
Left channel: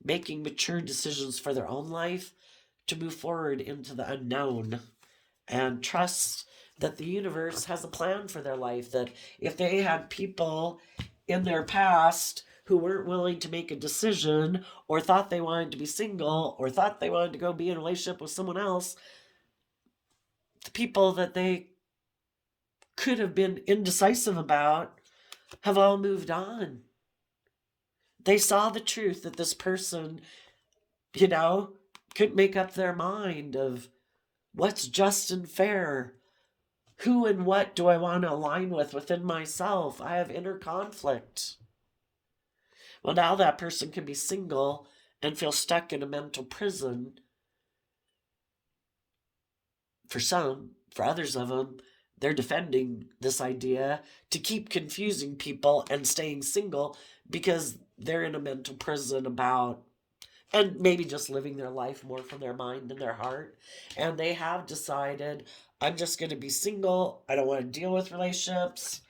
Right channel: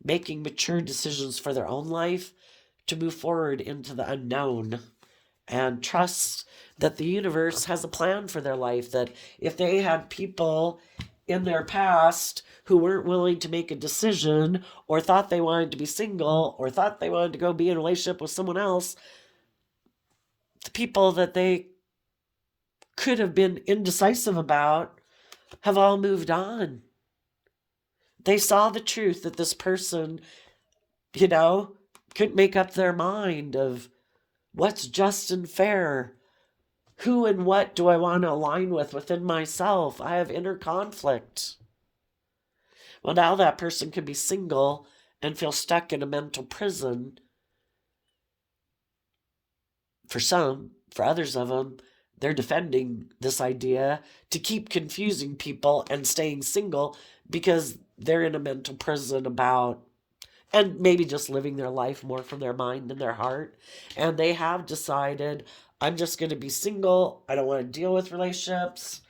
making mature decisions for their own life to move forward into the unknown and trust that the universe has a plan for their life. That if they had people in their past who weren't willing to make a decision, or thought they wanted to be single, or thought they wanted to go be in a relationship with someone else, the people that they could have been indecisive about have all moved on. They saw the truth that this person, couldn't make up their mind of what's just and fair. Who and what do I want to align with within myself? I have inner conflict. Well, now that person can be single and feel stuck in a mental prison. For some, for others of them, they're defending this idea to keep confusing people and staying single because they're in a mental prison about, and maybe just living their life more from their mind and their heart. And they have decided, I'm just going to be single. I don't want to deal with relationships.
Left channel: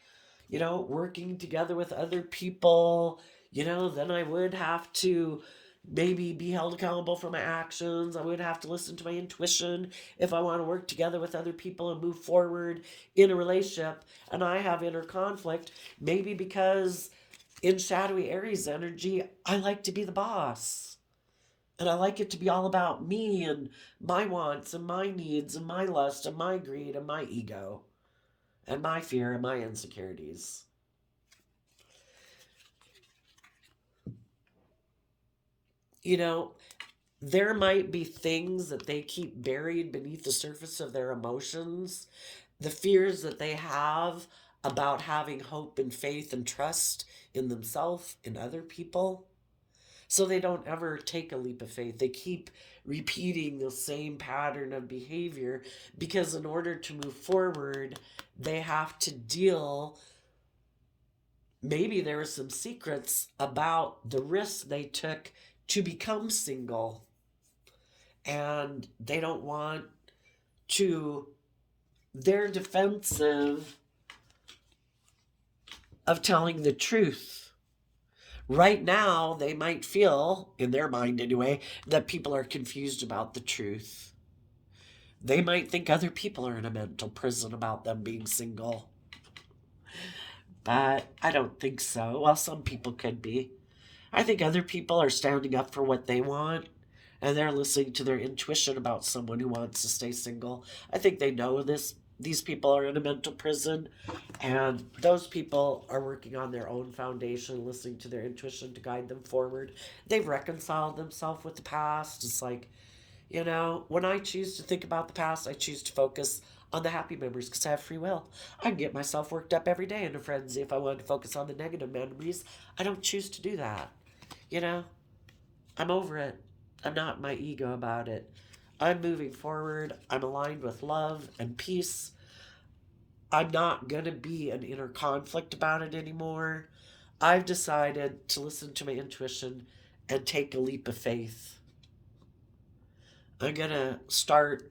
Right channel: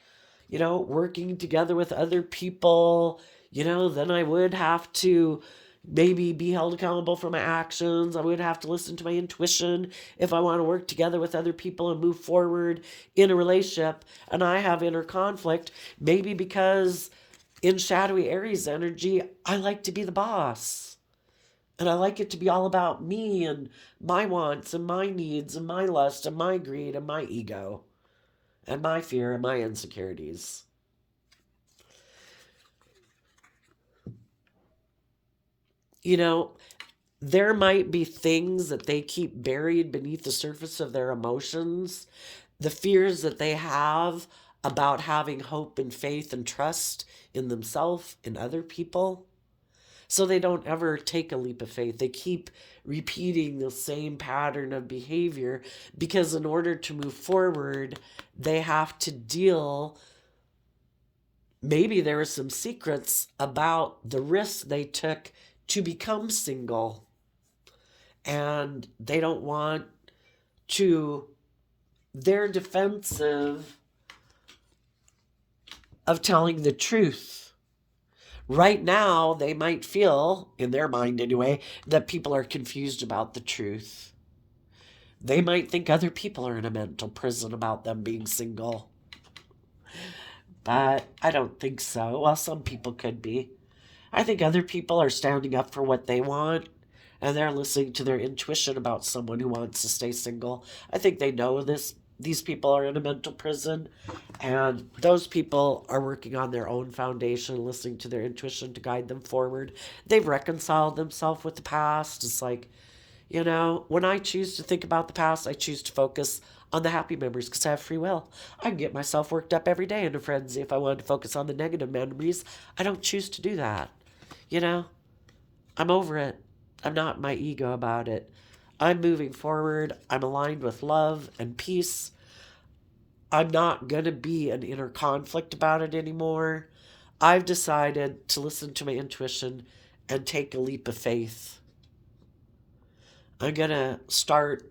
Working together with other people, then I would have to maybe be held accountable for my actions. I would have to listen to my intuition if I want to work together with other people and move forward in a relationship. And I have inner conflict, maybe because in shadowy Aries energy, I like to be the boss. And I like it to be all about me and my wants and my needs and my lust and my greed and my ego and my fear and my insecurities. There might be things that they keep buried beneath the surface of their emotions, the fears that they have about having hope and faith and trust in themselves, in other people. So they don't ever take a leap of faith. They keep repeating the same pattern of behavior because in order to move forward, they have to deal. Maybe there are some secrets about the risks they took to become single, and they don't want to, they're defensive of telling the truth. Right now, they might feel, in their mind anyway, that people are confused about the truth. They might think other people are in a mental prison about them being single. But I don't think so. Well, some people could be. I think other people are standing up for what they want, and they're listening to their intuition about someone who wants to stay single. I think they know this. These people are in a mental prison, and those people are working on their own foundation, listening to their intuition to guide them forward. They've reconciled themselves with the past. It's like, when I choose to think about the past, I choose to focus on the happy memories because I have free will. I can get myself worked up every day in a frenzy if I wanted to focus on the negative memories. I don't choose to do that. You know, I'm over it. I'm not my ego about it. I'm moving forward. I'm aligned with love and peace. I'm not going to be an inner conflict about it anymore. I've decided to listen to my intuition and take a leap of faith. I'm going to start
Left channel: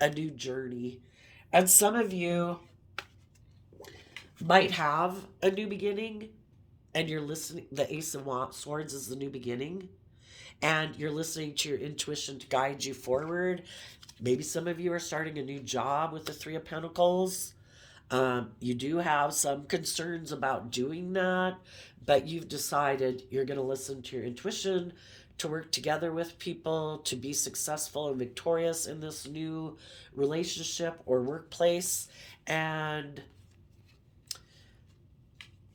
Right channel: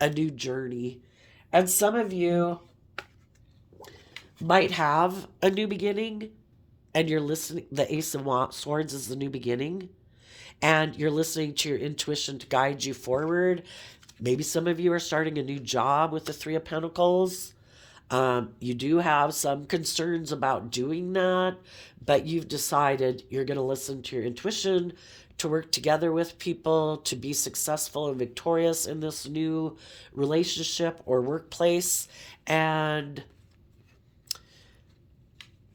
a new journey. And some of you might have a new beginning, and you're listening. The Ace of Swords is the new beginning, and you're listening to your intuition to guide you forward. Maybe some of you are starting a new job with the Three of Pentacles. You do have some concerns about doing that, but you've decided you're going to listen to your intuition to work together with people to be successful and victorious in this new relationship or workplace. And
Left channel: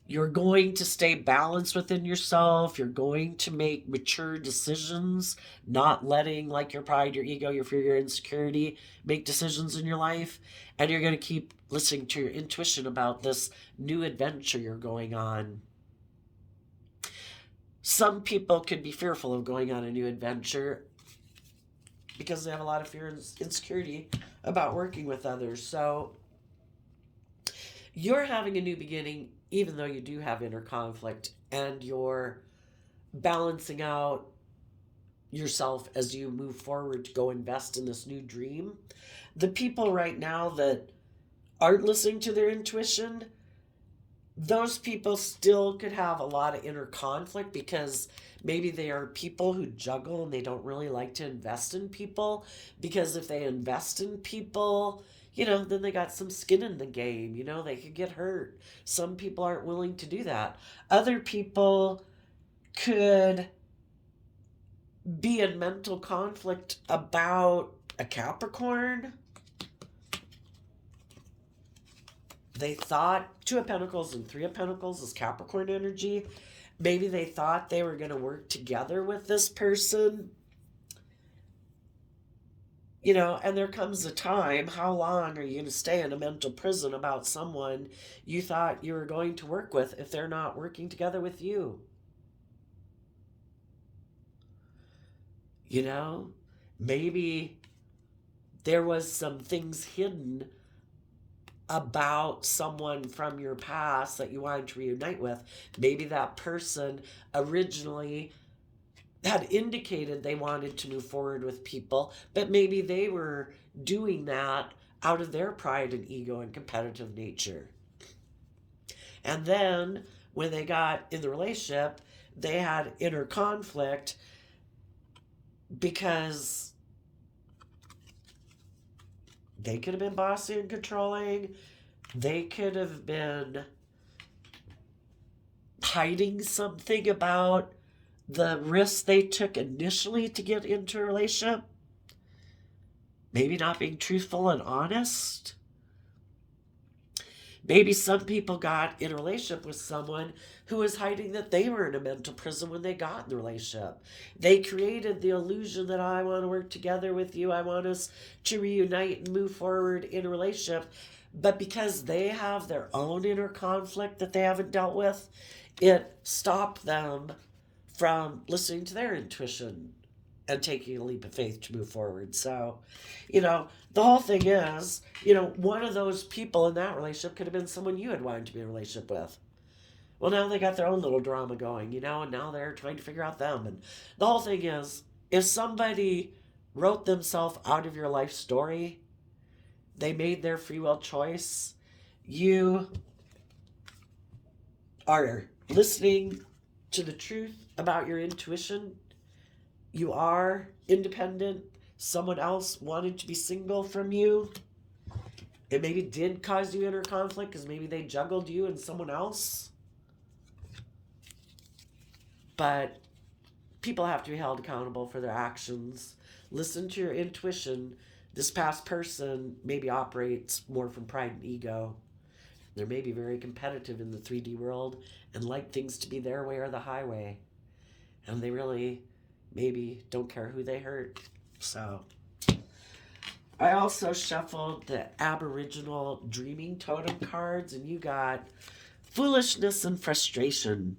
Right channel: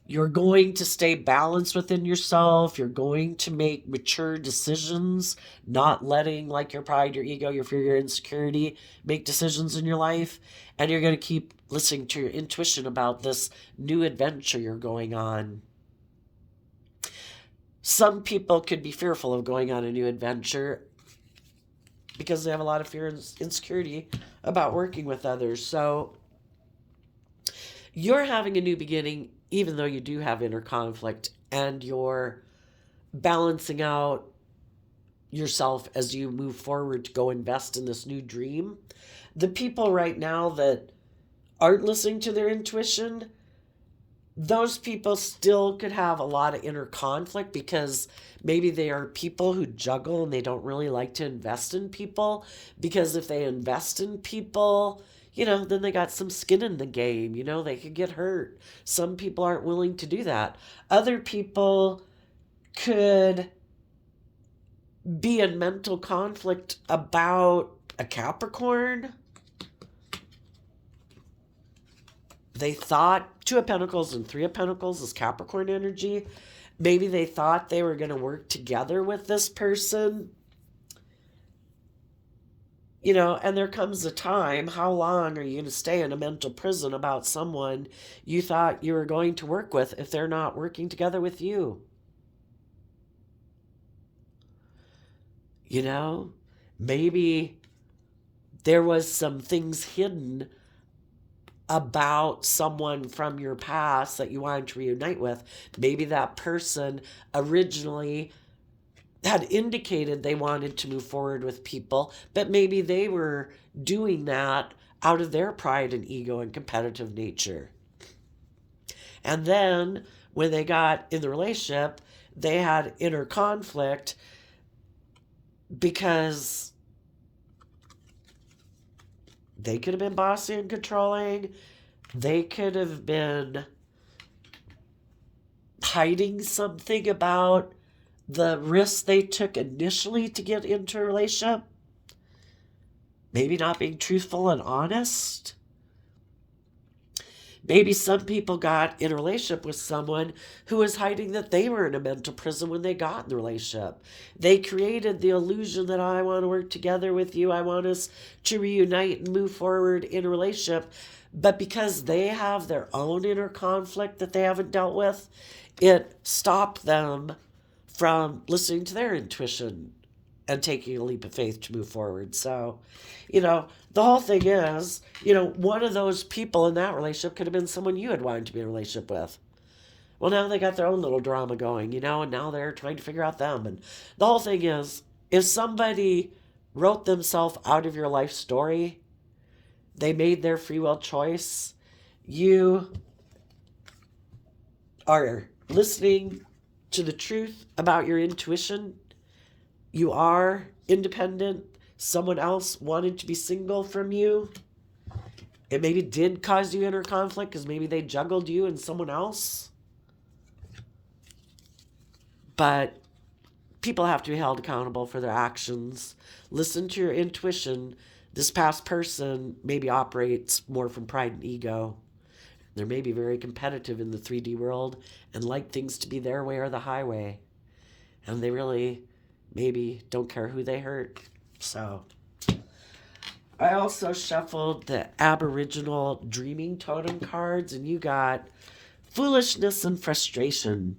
you're going to stay balanced within yourself. You're going to make mature decisions, not letting like your pride, your ego, your fear, your insecurity make decisions in your life. And you're going to keep listening to your intuition about this new adventure you're going on. Some people could be fearful of going on a new adventure because they have a lot of fear and insecurity about working with others. So you're having a new beginning, even though you do have inner conflict, and you're balancing out yourself as you move forward to go invest in this new dream. The people right now that aren't listening to their intuition, those people still could have a lot of inner conflict because maybe they are people who juggle and they don't really like to invest in people, because if they invest in people, then they got some skin in the game. They could get hurt. Some people aren't willing to do that. Other people could be in mental conflict about a Capricorn. They thought Two of Pentacles and Three of Pentacles is Capricorn energy. Maybe they thought they were going to work together with this person. And there comes a time, how long are you going to stay in a mental prison about someone you thought you were going to work with if they're not working together with you? Maybe there was some things hidden about someone from your past that you wanted to reunite with. Maybe that person originally had indicated they wanted to move forward with people, but maybe they were doing that out of their pride and ego and competitive nature. And then when they got in the relationship, they had inner conflict because they could have been bossy and controlling. They could have been hiding something about the risks they took initially to get into a relationship. Maybe not being truthful and honest. Maybe some people got in a relationship with someone who was hiding that they were in a mental prison when they got in the relationship. They created the illusion that I want to work together with you. I want us to reunite and move forward in a relationship. But because they have their own inner conflict that they haven't dealt with, it stopped them from listening to their intuition and taking a leap of faith to move forward. So, the whole thing is, one of those people in that relationship could have been someone you had wanted to be in a relationship with. Well, now they got their own little drama going, and now they're trying to figure out them. And the whole thing is, if somebody wrote themselves out of your life story, they made their free will choice, you are listening to the truth about your intuition. You are independent. Someone else wanted to be single from you. It maybe did cause you inner conflict because maybe they juggled you and someone else. But people have to be held accountable for their actions. Listen to your intuition. This past person maybe operates more from pride and ego. They're maybe very competitive in the 3D world and like things to be their way or the highway. And they really maybe don't care who they hurt. So I also shuffled the Aboriginal Dreaming Totem cards, and you got foolishness and frustration.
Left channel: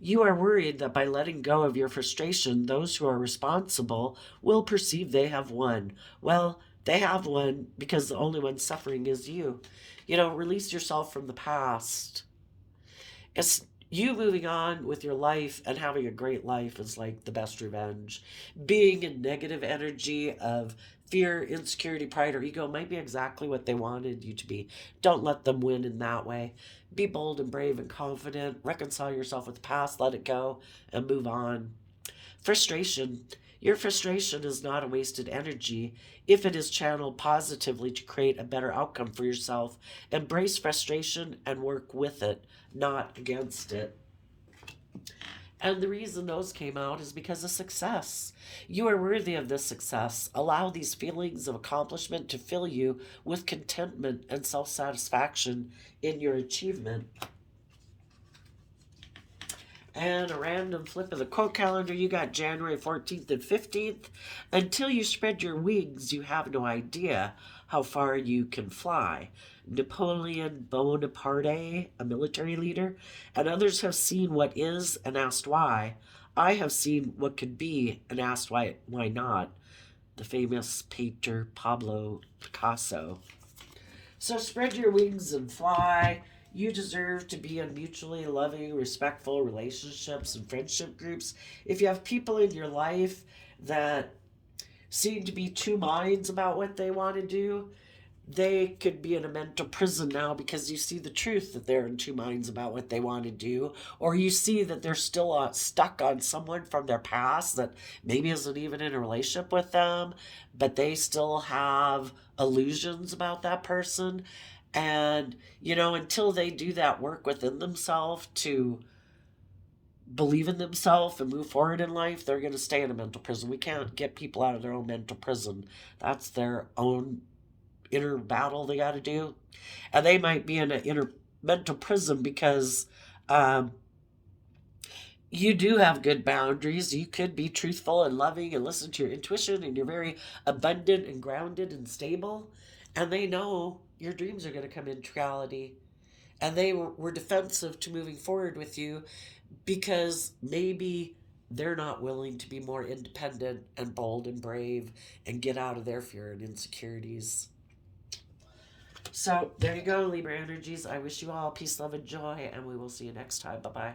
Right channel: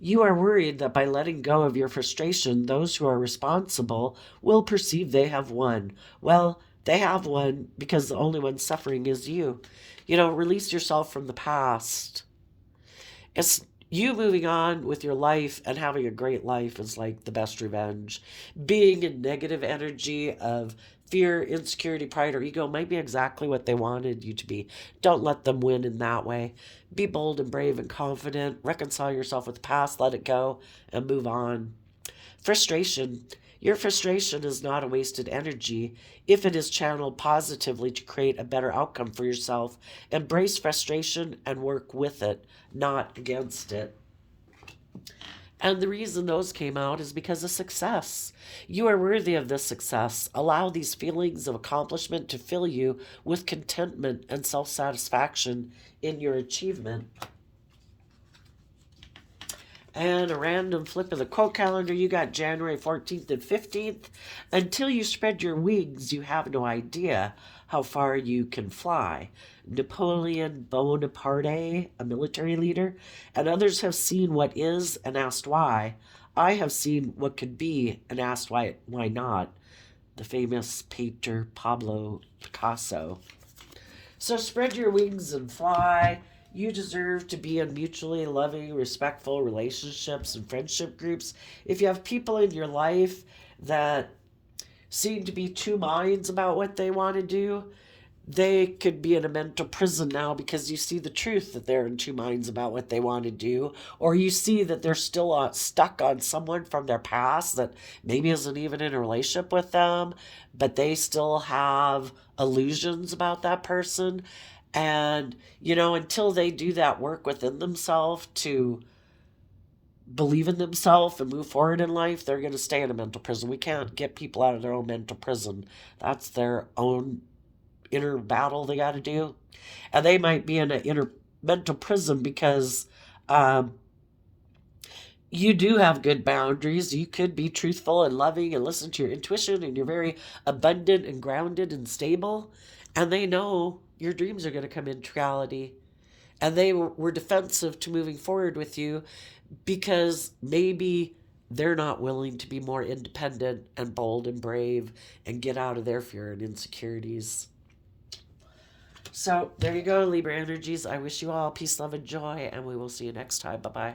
You are worried that by letting go of your frustration, those who are responsible will perceive they have won. Well, they have won because the only one suffering is you. Release yourself from the past. It's you moving on with your life and having a great life is like the best revenge. Being in negative energy of fear, insecurity, pride, or ego might be exactly what they wanted you to be. Don't let them win in that way. Be bold and brave and confident. Reconcile yourself with the past, let it go, and move on. Frustration. Your frustration is not a wasted energy if it is channeled positively to create a better outcome for yourself. Embrace frustration and work with it, not against it. And the reason those came out is because of success. You are worthy of this success. Allow these feelings of accomplishment to fill you with contentment and self satisfaction in your achievement. And a random flip of the quote calendar, you got January 14th and 15th. Until you spread your wings, you have no idea how far you can fly. Napoleon Bonaparte, a military leader, and others have seen what is and asked why. I have seen what could be and asked why not. The famous painter Pablo Picasso. So spread your wings and fly. You deserve to be in mutually loving, respectful relationships and friendship groups. If you have people in your life that seem to be two minds about what they want to do, they could be in a mental prison now because you see the truth that they're in two minds about what they want to do, or you see that they're still stuck on someone from their past that maybe isn't even in a relationship with them, but they still have illusions about that person. And, until they do that work within themselves to believe in themselves and move forward in life, they're going to stay in a mental prison. We can't get people out of their own mental prison. That's their own inner battle they got to do. And they might be in an inner mental prison because you do have good boundaries. You could be truthful and loving and listen to your intuition, and you're very abundant and grounded and stable. And they know your dreams are going to come into reality. And they were defensive to moving forward with you because maybe they're not willing to be more independent and bold and brave and get out of their fear and insecurities. So there you go, Libra energies. I wish you all peace, love, and joy, and we will see you next time. Bye bye.